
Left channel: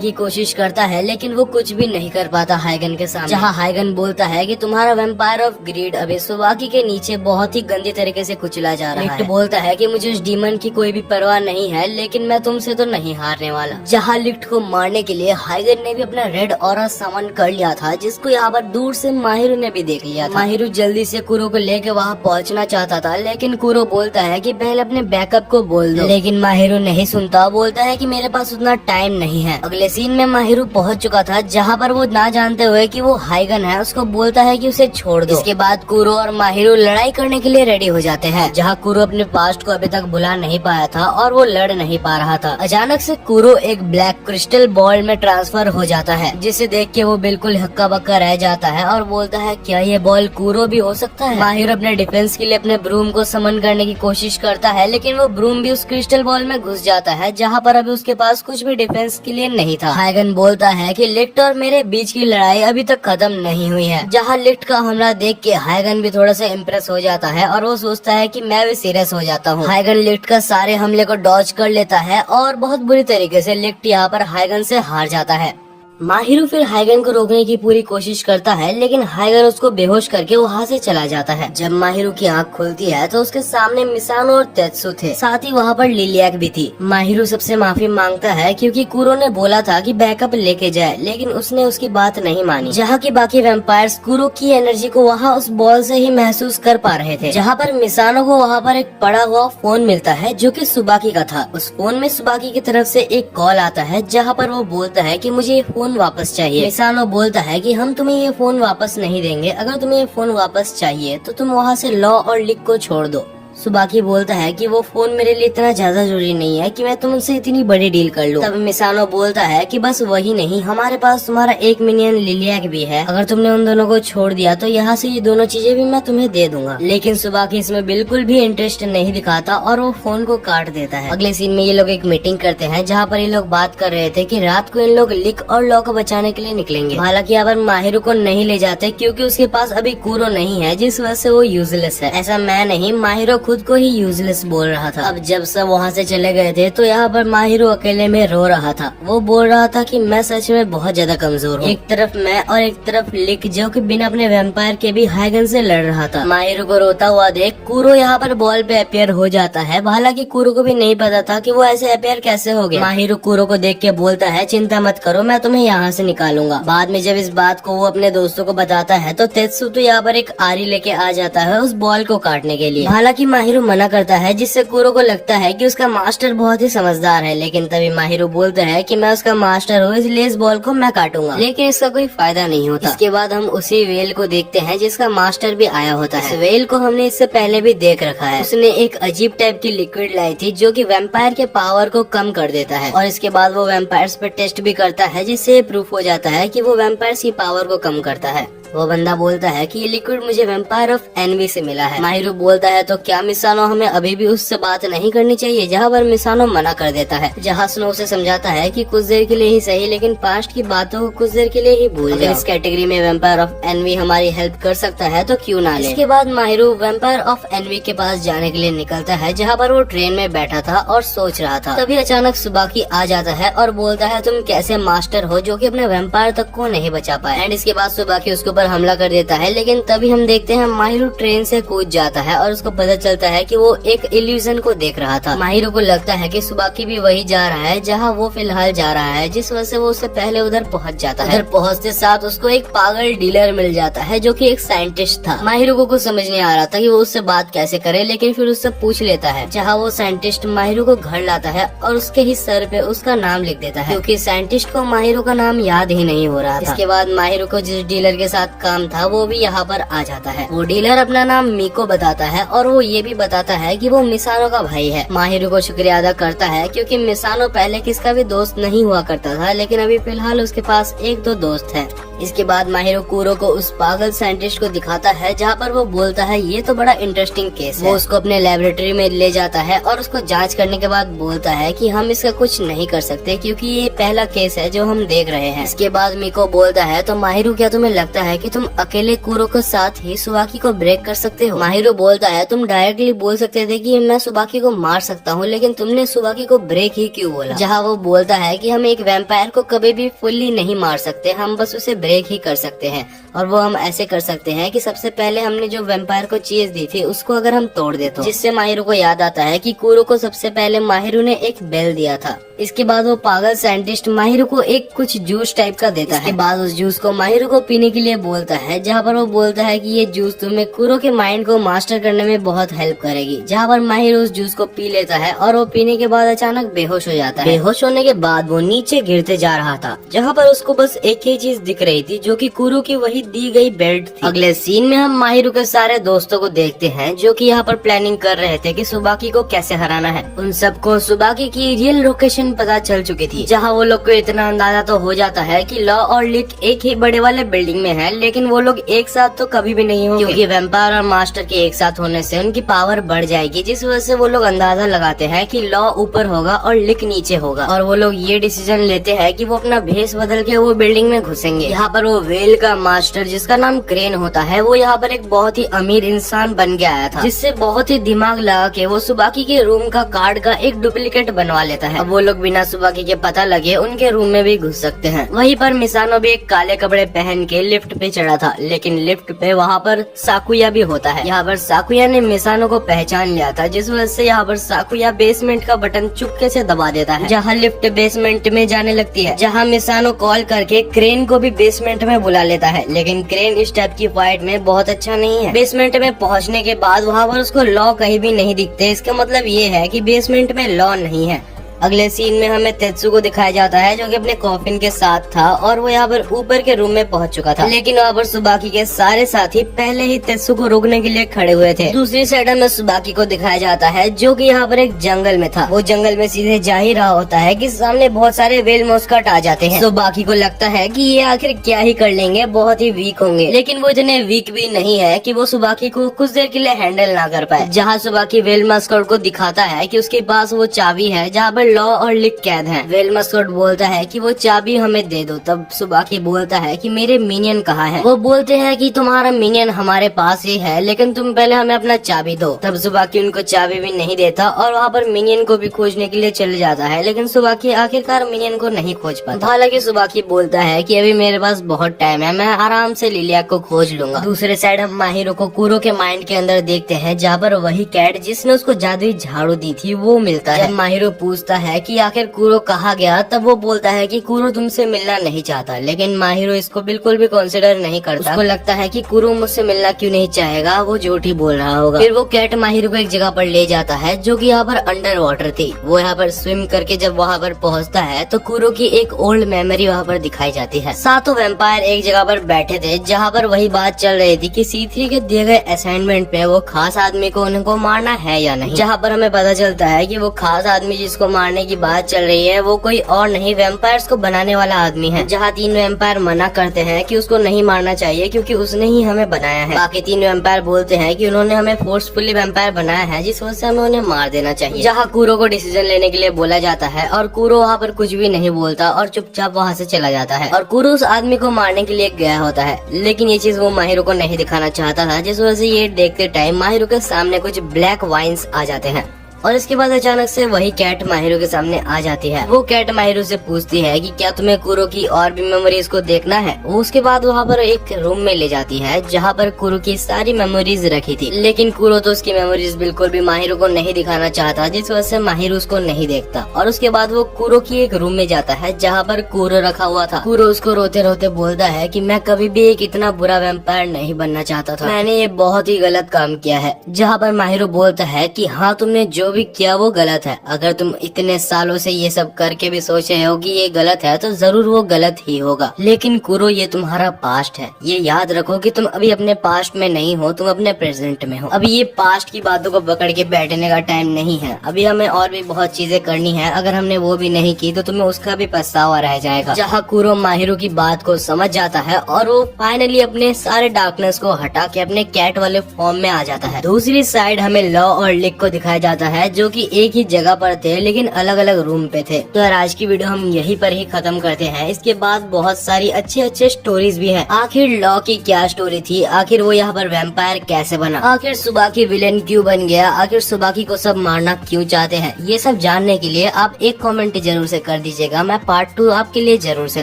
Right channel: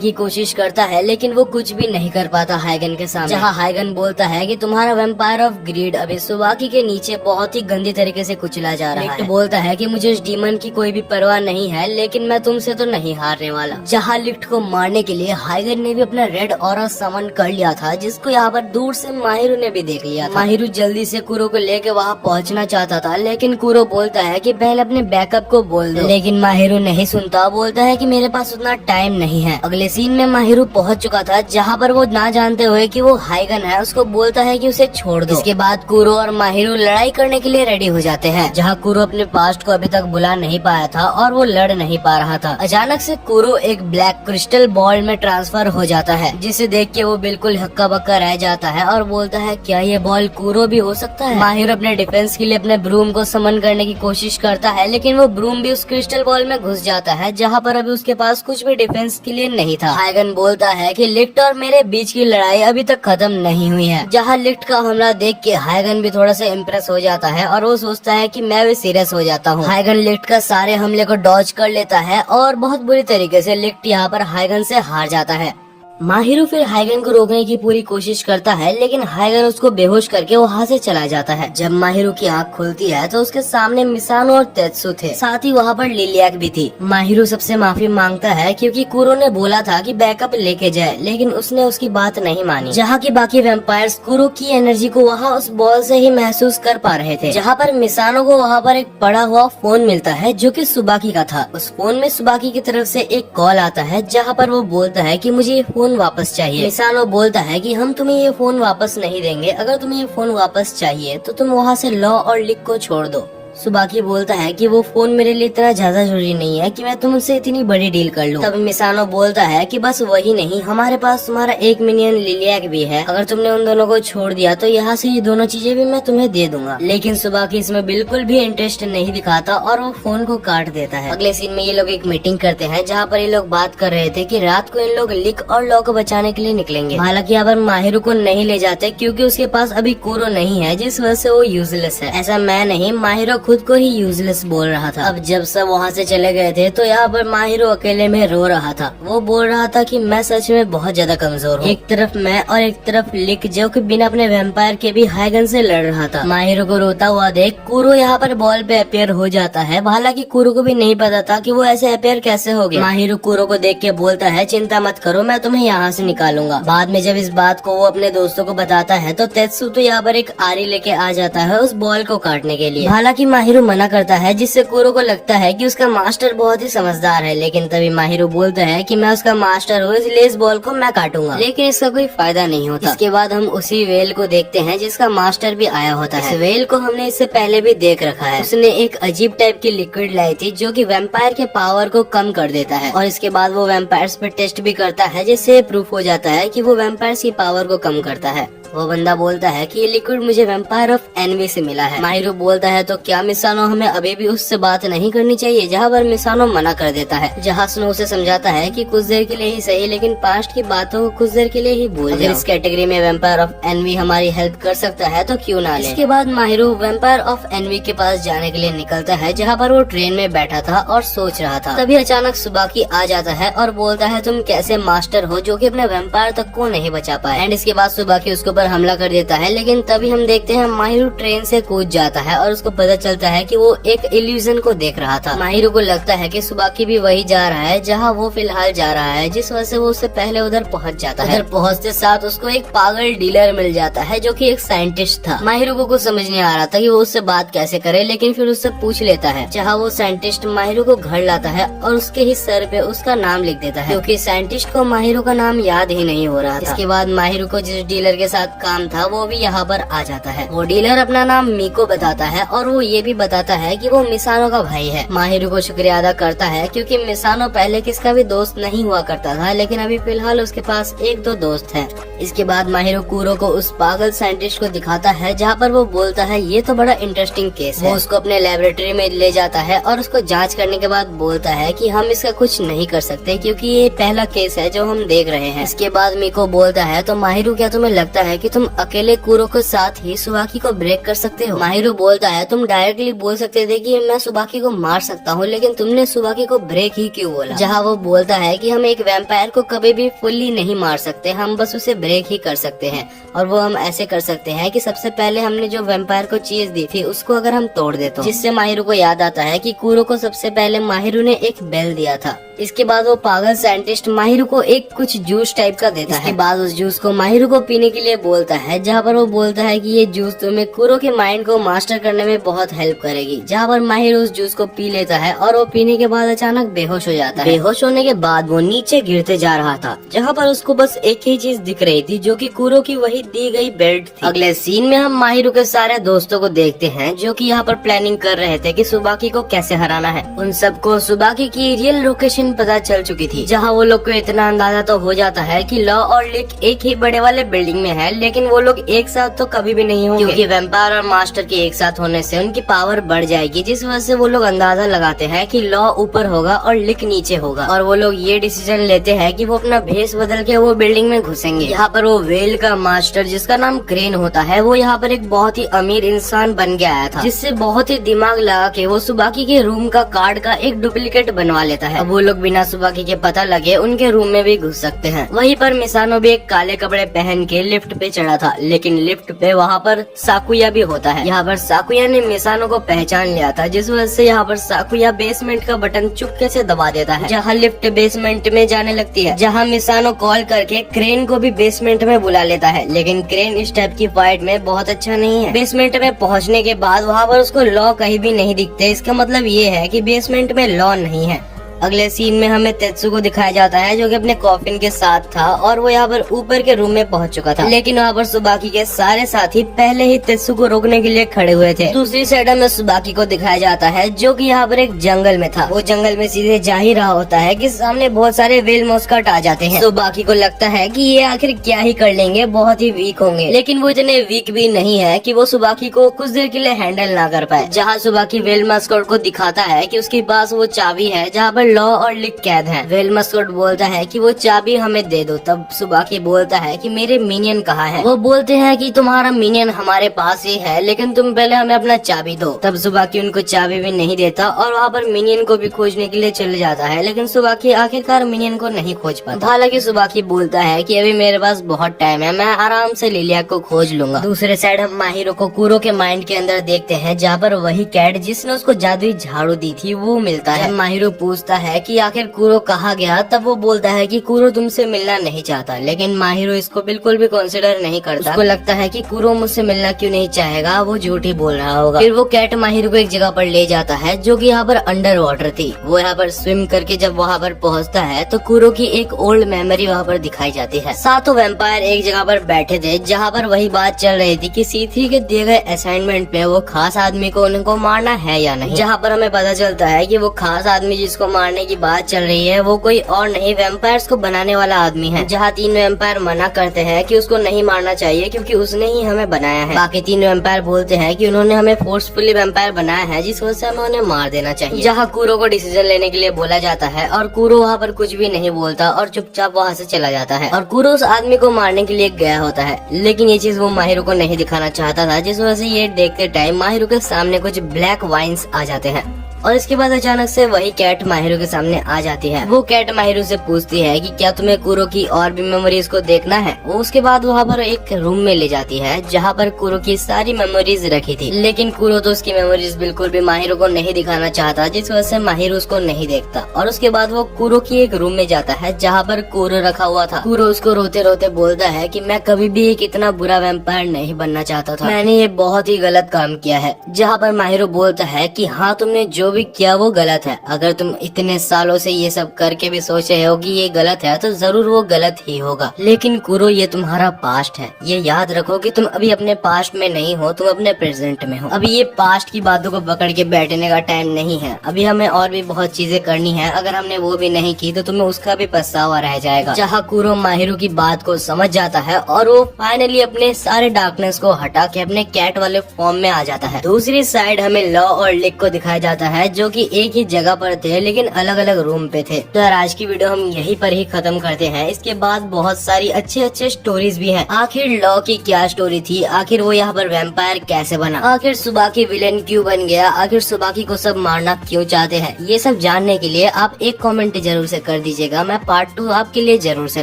की कोशिश करता है लेकिन वो कुछ भी नहीं कर पाता हाइगन के सामने। जहाँ हाइगन बोलता है कि तुम्हारा वैम्पायर ऑफ ग्रेड अभी सुबाकी के नीचे बहुत ही गंदी तरीके से कुचला जा रहा है। लिक्ट बोलता है कि मुझे इस डीमन की कोई भी परवाह नहीं है, लेकिन मैं तुमसे तो नहीं हारने वाला। जहाँ लिक्ट को मारने के लिए हाइगन ने भी अपना रेड ऑरा समन कर लिया था जिसको यहाँ पर दूर से माहिरो ने भी देख लिया था। माहिरो जल्दी से कुरो को लेके वहाँ पहुँचना चाहता था, लेकिन कुरो बोलता है कि पहले अपने बैकअप को बोल दो, लेकिन माहिरो नहीं सुनता। बोलता है कि मेरे पास उतना टाइम नहीं है। अगले सीन में माहिरो पहुँच चुका था जहाँ पर वो ना जानते हुए कि वो हाइगन है उसको बोलता है कि उसे छोड़ दो। इसके बाद कुरो और माहिरो लड़ाई करने के लिए रेडी हो जाते हैं। जहाँ कुरो अपने पास्ट को अभी तक बुला नहीं पाया था और वो लड़ नहीं पा रहा था। अचानक से कुरो एक ब्लैक क्रिस्टल बॉल में ट्रांसफर हो जाता है जिसे देख के वो बिल्कुल हक्का बक्का रह जाता है और बोलता है क्या ये बॉल कुरो भी हो सकता है। माहिरो अपने डिफेंस के लिए अपने ब्रूम को समन करने की कोशिश करता है, लेकिन वो ब्रूम भी उस क्रिस्टल बॉल में घुस जाता है जहाँ पर अभी उसके पास कुछ भी डिफेंस के लिए नहीं था। हाइगन बोलता है कि लिक्ट और मेरे बीच की लड़ाई अभी तक खत्म नहीं हुई है। जहाँ लिक्ट का हमला देख के हाइगन भी थोड़ा सा इम्प्रेस हो जाता है और वो सोचता है कि मैं भी सीरियस हो जाता हूँ। हाइगन लिक्ट का सारे हमले को डॉज कर लेता है और बहुत बुरी तरीके से लिक्ट यहाँ पर हाइगन से हार जाता है। माहिरो फिर हाइगन को रोकने की पूरी कोशिश करता है, लेकिन हाइगन उसको बेहोश करके वहाँ से चला जाता है। जब माहिरो की आँख खुलती है तो उसके सामने मिसानो और तेत्सु थे, साथ ही वहाँ पर लिलियक भी थी। माहिरो सबसे माफी मांगता है क्योंकि कुरो ने बोला था कि बैकअप लेके जाए, लेकिन उसने उसकी बात नहीं मानी। जहाँ की बाकी वेम्पायर्स कुरो की एनर्जी को वहाँ उस बॉल से ही महसूस कर पा रहे थे। जहाँ पर मिसानो को वहाँ पर एक पड़ा हुआ फोन मिलता है जो कि सुबाकी का था। उस फोन में सुबाकी की तरफ से एक कॉल आता है जहाँ पर वो बोलता है कि मुझे ये फोन वापस चाहिए। मिसानो बोलता है कि हम तुम्हें ये फोन वापस नहीं देंगे, अगर तुम्हें ये फोन वापस चाहिए तो तुम वहाँ से लॉ और लिक को छोड़ दो। सुबाकी बोलता है कि वो फोन मेरे लिए इतना ज्यादा जरूरी नहीं है कि मैं तुमसे इतनी बड़ी डील कर लूं। तब मिसानो बोलता है कि बस वही नहीं, हमारे पास तुम्हारा एक मिलियन लिलियक भी है, अगर तुमने उन दोनों को छोड़ दिया तो यहाँ से ये दोनों चीजें भी मैं तुम्हें दे दूंगा। लेकिन सुबाकी इसमें बिल्कुल भी इंटरेस्ट नहीं दिखाता और वो फोन को काट देता है। अगले सीन में ये लोग एक मीटिंग करते हैं जहाँ पर ये लोग बात कर रहे थे कि रात को इन लोग लिक और लॉ को बचाने के लिए निकलेंगे। हालांकि यहाँ पर माहिरो को नहीं ले जाते क्योंकि उसके पास अभी कुरो नहीं है, जिस वजह से वो यूजलेस है। ऐसा मैं नहीं, माहिरो खुद को ही यूजलेस बोल रहा था। अब जब सब वहाँ से चले गए थे तो यहाँ पर माहिरो अकेले में रो रहा था। वो बोल रहा था कि मैं सच में बहुत ज्यादा कमजोर हूँ। एक तरफ मैं और एक तरफ लिक जो कि बिना अपने वैम्पायर के भी हाई गन से लड़ रहा था। माहिरो को रोता हुआ देख कुरो यहाँ पर बॉल पे अपियर हो जाता है। हालांकि कुरो को भी नहीं पता था कि वो ऐसे अपियर कैसे हो गया। माहिरो कुरो को देख के बोलता है चिंता मत करो, मैं तुम्हें यहाँ से निकालूंगा। बाद में जब इस बात को वो अपने दोस्तों को बताता है तो तेत्सु तो यहाँ पर एक आरी लेके आ जाता है उस बॉल को काटने के लिए। हालांकि माहिरो मना करता है जिससे कुरो को लगता है कि उसका मास्टर बहुत ही समझदार है। लेकिन तभी माहिरो बोलता है कि मैं उसका मास्टर हूँ इसलिए इस बॉल को मैं काटूंगा। लेकिन इसका कोई फायदा नहीं होता। इसके बाद हम उसी वेल को देखते हैं जिसका मास्टर भी आया होता है। इस वेल को हमने इससे पहले भी देख रखा है। उसने एक अजीब टाइप की लिक्विड लाई थी जो कि वैम्पायर के पावर को कम कर देता है और इसके बाद वो वैम्पायर्स पे टेस्ट भी करता है जिससे प्रूफ हो जाता है कि वो वैम्पायर्स की पावर को कम करता है। वो बंदा बोलता है कि ये लिक्विड मुझे वैम्पायर ऑफ एनवी से मिला है। माहिरो बोलता है तो क्या मिसानो हमें अभी भी उससे बात नहीं करनी चाहिए? जहाँ पर मिसानो मना कर देता है। जहाँ स्नो उसे समझाता है कि कुछ देर के लिए ही सही लेकिन पास्ट की बातों को कुछ देर के लिए ही भूल। अगर इस कैटेगरी में वैम्पायर ऑफ एनवी हमारी हेल्प कर सकता है तो क्यों ना ले। इसके बाद माहिरो वैम्पायर ऑफ एनवी के पास जाने के लिए निकलता है जहाँ पर वो ट्रेन में बैठा था और सोच रहा था। तभी अचानक सुबाकी आ जाता है और बोलता है तुम कैसे मास्टर हो जो कि अपने वैम्पायर तक को नहीं बचा पाए। एंड इसके बाद सुबाकी उसके ऊपर हमला कर देता है। लेकिन तभी हम देखते हैं माहिरो ट्रेन से कूद जाता है और उसको पता चलता है कि वो एक इल्यूजन को देख रहा था। माहिरो को लगता है कि सुबाकी भी वही जा रहा है जहाँ वो फिलहाल जा रहा है, जिस वजह से वो उससे पहले उधर पहुँच जाता है। उधर पहुँचते साथ उसको एक पागल डीलर मिल जाता है जो कि एक साइंटिस्ट था। माहिरो को कुछ समझ नहीं आ रहा था कि वो उससे बात कैसे करे, लेकिन फिर उससे पूछ लेता है। जहाँ वो साइंटिस्ट माहिरो को घर लाता है और उसके ही सर पे उसका नाम लिख देता है क्योंकि साइंटिस्ट को माहिरो का नाम याद ही नहीं हो रहा था। इसके बाद माहिरो को जिस डीलर के साथ काम था वो भी यहाँ पर आ जाता है। वो डीलर अपना नाम मीको बताता है और वो ये भी बताता है कि वो मिसानो का भाई है। माहिरो को शुक्रिया अदा करता है क्योंकि मिसानो पहले किसका भी दोस्त नहीं हुआ करता था, लेकिन अभी फिलहाल उसके पास एक दो दोस्त है। इसके बाद माहिरो कुरो को उस पागल साइंटिस्ट को दिखाता है जहाँ पर वो बोलता है ये तो बड़ा इंटरेस्टिंग केस है। वो उसको अपने लेबोरेटरी में ले जाता है और उसको जांच करने के बाद बोलता है कि हम इसका कुछ नहीं कर सकते क्योंकि ये पहला केस है जो हम देख रहे हैं। इसके बाद मीको बोलता है तो माहिरो क्या तुम्हें लगता है कि तुम अकेले कुरो के साथ ही सुबाकी को ब्रेक कर सकते हो? माहिरो बोलता है तुम डायरेक्टली बोल सकते थे कि मैं सुबाकी को मार सकता हूँ, लेकिन तुमने सुबाकी को ब्रेक ही क्यों बोला? जहाँ वो बोलता है कि हम एक वैम्पायर को कभी भी फुल्ली नहीं मार सकते, हम बस उसे ब्रेक ही कर सकते हैं। और वो हम ऐसे कर सकते हैं कि सबसे पहले हमने जो वैम्पायर को चीज दी थी उसको अगर हम तोड़ दे तो। जिससे माहिरो को याद आता है कि कुरो को सबसे पहले माहिरो ने एक बेल दिया था। इसके बाद वो पागल साइंटिस्ट माहिरो को एक कुछ जूस टाइप का देता है। इसके बाद उस जूस को माहिरो को पीने के लिए बोलता है, जहाँ पर वो बोलता है कि ये जूस तुम्हें कुरो के माइंड को मास्टर करने में बहुत हेल्प करेगी। जहाँ पर माहिरो उस जूस को पी लेता है और वो पीने के बाद अचानक बेहोश हो जाता है। बेहोश होने के बाद वो नीचे गिरते जा रहा था, जहाँ पर उसको बस एक ही चीज दिख रही थी जो कि कुरो की वही दी गई बेल्ट थी। अगले सीन में हम माहिरो के सारे दोस्तों को देखते हैं जो कि यहाँ पर प्लानिंग कर रहे थे कि सुबाकी को कैसे हराना है। उन सबको सुबाकी की रियल लोकेशन पता चल चुकी थी, जहाँ वो लोग को इतना अंदाजा तो हो जाता है कि लॉ और लिक एक ही बड़े वाले बिल्डिंग में है, लेकिन वो लोग एक साथ तो कभी भी नहीं होंगे क्योंकि वैम्पायर और मास्टर के एक साथ होने से उनकी पावर बढ़ जाएगी, जिस वजह से वो लोग अंदाजा लगाते हैं कि लॉ ऊपर होगा और लिक नीचे होगा। और वो लोग ये डिसीजन लेते हैं कि वो अपना भेष बदल के वो बिल्डिंग में घुसेंगे। यहाँ पर वो वेल का मास्टर जिसका नाम क्रेन होता है वो यहाँ पर एक बहुत ही अमीर इंसान बन के आया था, जिससे बहुत ही दिमाग लगा के वो सुबाकी के रूम का कार्ड का एक डुप्लीकेट बनवा लेता है। अब वो लोग बिना सुबाकी के पता लगे उनके रूम में भी घुस सकते हैं। वहीं पर मिसानो भी एक काले कपड़े पहन के लिफ्ट पे चढ़ा था, लेकिन लिफ्ट पे वहाँ पर साकुया भी होता है। यहाँ पर साकुया ने मिसानो को पहचान लिया था, जिस वजह से यहाँ पर साकुया बेसमेंट का बटन चुपके से दबा देता है, जहाँ लिफ्ट बेसमेंट में जाने लगती है। जहाँ मिसानो कॉल करके क्रेन को भी बेसमेंट में बुला लेता है, लेकिन क्रेन इस टाइप की फाइट में बहुत अच्छा नहीं है। बेसमेंट में पहुँचने के बाद वहाँ पर उसको लॉ कहीं भी नहीं दिखते। इसका मतलब ये है कि बेसमेंट में लॉ नहीं है। अगले सीन में हमें तेत्सु को दिखाया जाता है जो कि अपने कॉफिन के साथ था और वो यहाँ पर ऊपर के रूम में पहुंच चुका था, लेकिन वहाँ पर सुबाकी के सारे साथी पहले ही तेत्सु को रोकने के लिए खड़े हुए थे। दूसरी साइड में सुबाकी को दिखाया जाता है जो कि यहाँ पर एक जंगल में था। वो जंगल में सीधे जा ही रहा होता है कि सामने बहुत सारे वेल मस्कट आ जाते हैं। सुबाकी को लगता है कि ये आखिर क्या ही कर लेंगे, बहुत ही वीक होंगे, लेकिन वो इतने वीक भी नहीं है कि वो सुबाकी को कुछ देर के लिए हैंडल ना कर पाए। जहाँ सुबाकी वेल मस्कट को दिखाता है कि उसके पास वो चाबी है जहाँ पर लॉ और लिक कैद हैं। व्हेल मस्कट बोलता है कि वो चाबी हमें दे दो। तब सुबाकी बोलता है कि मेरे मिनियन कहाँ है। वो बोलते हैं कि तुम्हारा मिनियन हमारे पास ही है, लेकिन तुम पहले हमें अपना चाबी दो। तब सुबाकी उनको चाबी भी नहीं देता और वहाँ पर मिनियन को भी खोजने के लिए चले जाता है, लेकिन सुबाकी आखिरकार मिनियन को नहीं खोज पाता। हालांकि सुबाकी बोलता है कि अभी मेरे पास बहुत टाइम है, मैं आराम से लिलिया को खोज लूंगा। दूसरे साइड हम माहिरो को कुरो के माइंड के अंदर देखते हैं, जहाँ पर वही कैट जिसने उसको जादुई झाड़ू दी थी वो मिलता है। जब माहिरो पूछता है कि आखिर कुरो कहाँ गया, तब वो बोलता है कि कुरो तुमसे मिलना नहीं चाहता, लेकिन माहिरो इसको बिल्कुल भी कंसिडर नहीं करता। उसको लगता है कि कुरो मुझसे मिलना क्यों नहीं चाहेगा, वो झूठ ही बोल रहा होगा। फिर वो कैट माहिरो को एक जगह पर ले जाता है जो कि यहाँ पर अंडर वाटर थी। वो यहाँ पर स्विम करके जब वहाँ पर पहुँचता है तो कुरो की एक ओल्ड मेमोरी वहाँ पर दिखाई जाती है। सातों वैम्पायर एक जगह पर बैठे थे, जहाँ पर वही बात चल रही थी कि C3 के दिए गए असाइनमेंट पे वो खास आदमी को उनको मारना है या नहीं। जहाँ पर हमें पता चलता है कि वो खास आदमी जिसको मारने की बात चल रही है वो कोई और नहीं, वैम्पायर्स को बनाने वाला आदमी है। जहाँ 3 वैम्पायर मना करते हैं कि उसको नहीं मारना चाहिए क्योंकि उसने ही हमें बनाया है। बाकी 3 वैम्पायर बोलते हैं कि उन्होंने हमें फोर्सफुली वैम्पायर बनाया है, जिस वजह से हमें उन्हें मार देना चाहिए। जहाँ कुरो को डिसीजन लेने के लिए बोला जाता है और कुरो वहाँ पर कुछ भी नहीं बोलता और चुपचाप वहाँ से चला जाता है। और कुरो उस आदमी को मारने के लिए गया होता है, लेकिन ये चीज वो माहिरो को नहीं दिखाना चाहता था, जिस वजह से ये देखते टाइम माहिरो के सामने कुछ ब्लैक वाइन्स आ जाते हैं। और इसके बाद अचानक से वही कैट माहिरो के सामने आ जाती है। वो कैट माहिरो से पूछती है कि क्या तुम्हें कुरो की और भी मेमोरीज को देखना है। वो उसके बाद वहाँ पर एक रूम में ले जाती है जहाँ पर कुरो की सारी मेमोरीज रखी थी, लेकिन कुरो तो उसकी मेमोरीज बिल्कुल भी माहिरो को नहीं दिखाना चाहता, जिस वजह से माहिरो उसको नहीं देखता। और उसके बाद वो कुरो की एक रूम में जाता है जहाँ पर कुरो रखा हुआ था। कुरो उसको रोते रोते बोलता है कि मैं कभी भी एक इतना बुरा वैम्पायर नहीं बनना चाहता था, मैंने ये बहुत ही गलत काम किया है। जहाँ पर माहिरो बोलता है कि हाँ, तुमने जो भी किया वो गलत है। अगर तुम इतने सालों से ये सब करके भी सोच रहे हो कि ये गलत है तो जरूर वो गलत ही होगा, लेकिन कुरो ये तुम्हारा पास्ट है। ये याद रखो कि तुम अभी अपने पास्ट में नहीं हो, तुम अपने प्रेजेंट में हो। अभी ये पास्ट की बातों को पकड़ के बैठने का टाइम नहीं है। अभी हमें और भी बहुत चीजें करनी है, अगर हमने वो भी नहीं की तो तुम्हें उसका भी पछतावा रह जाएगा। जहाँ कुरो माहिरो की बात को समझ जाता है और वो फाइनली अपने सारे डार्कनेस को हटा के अपने कैट वाले फॉर्म में आ जाता है। दूसरी साइड हमें लॉ और लिक को दिखाया जाता है जो कि एक ही जगह पर थे लेकिन अलग अलग रूम पे थे। तो यार आज की वीडियो हम यहीं पर ही खत्म करते हैं। इसके बाद बहुत सारी अच्छे स्टोरीज भी हैं। आखिर लॉ की क्या स्टोरी थी, आखिर वो यहाँ पर वैम्पायर कैसे बना, आखिर सुबाकी विलेन क्यों बन गया, आखिर सुबाकी को सब मारना क्यों चाहते हैं, ये सब जानने के लिए आप एक कमेंट जरूर से कर दीजिएगा। मैं पार्ट 2 आपके लिए जरूर से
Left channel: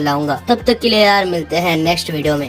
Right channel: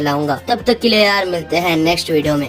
लाऊंगा। तब तक के लिए यार मिलते हैं नेक्स्ट वीडियो में।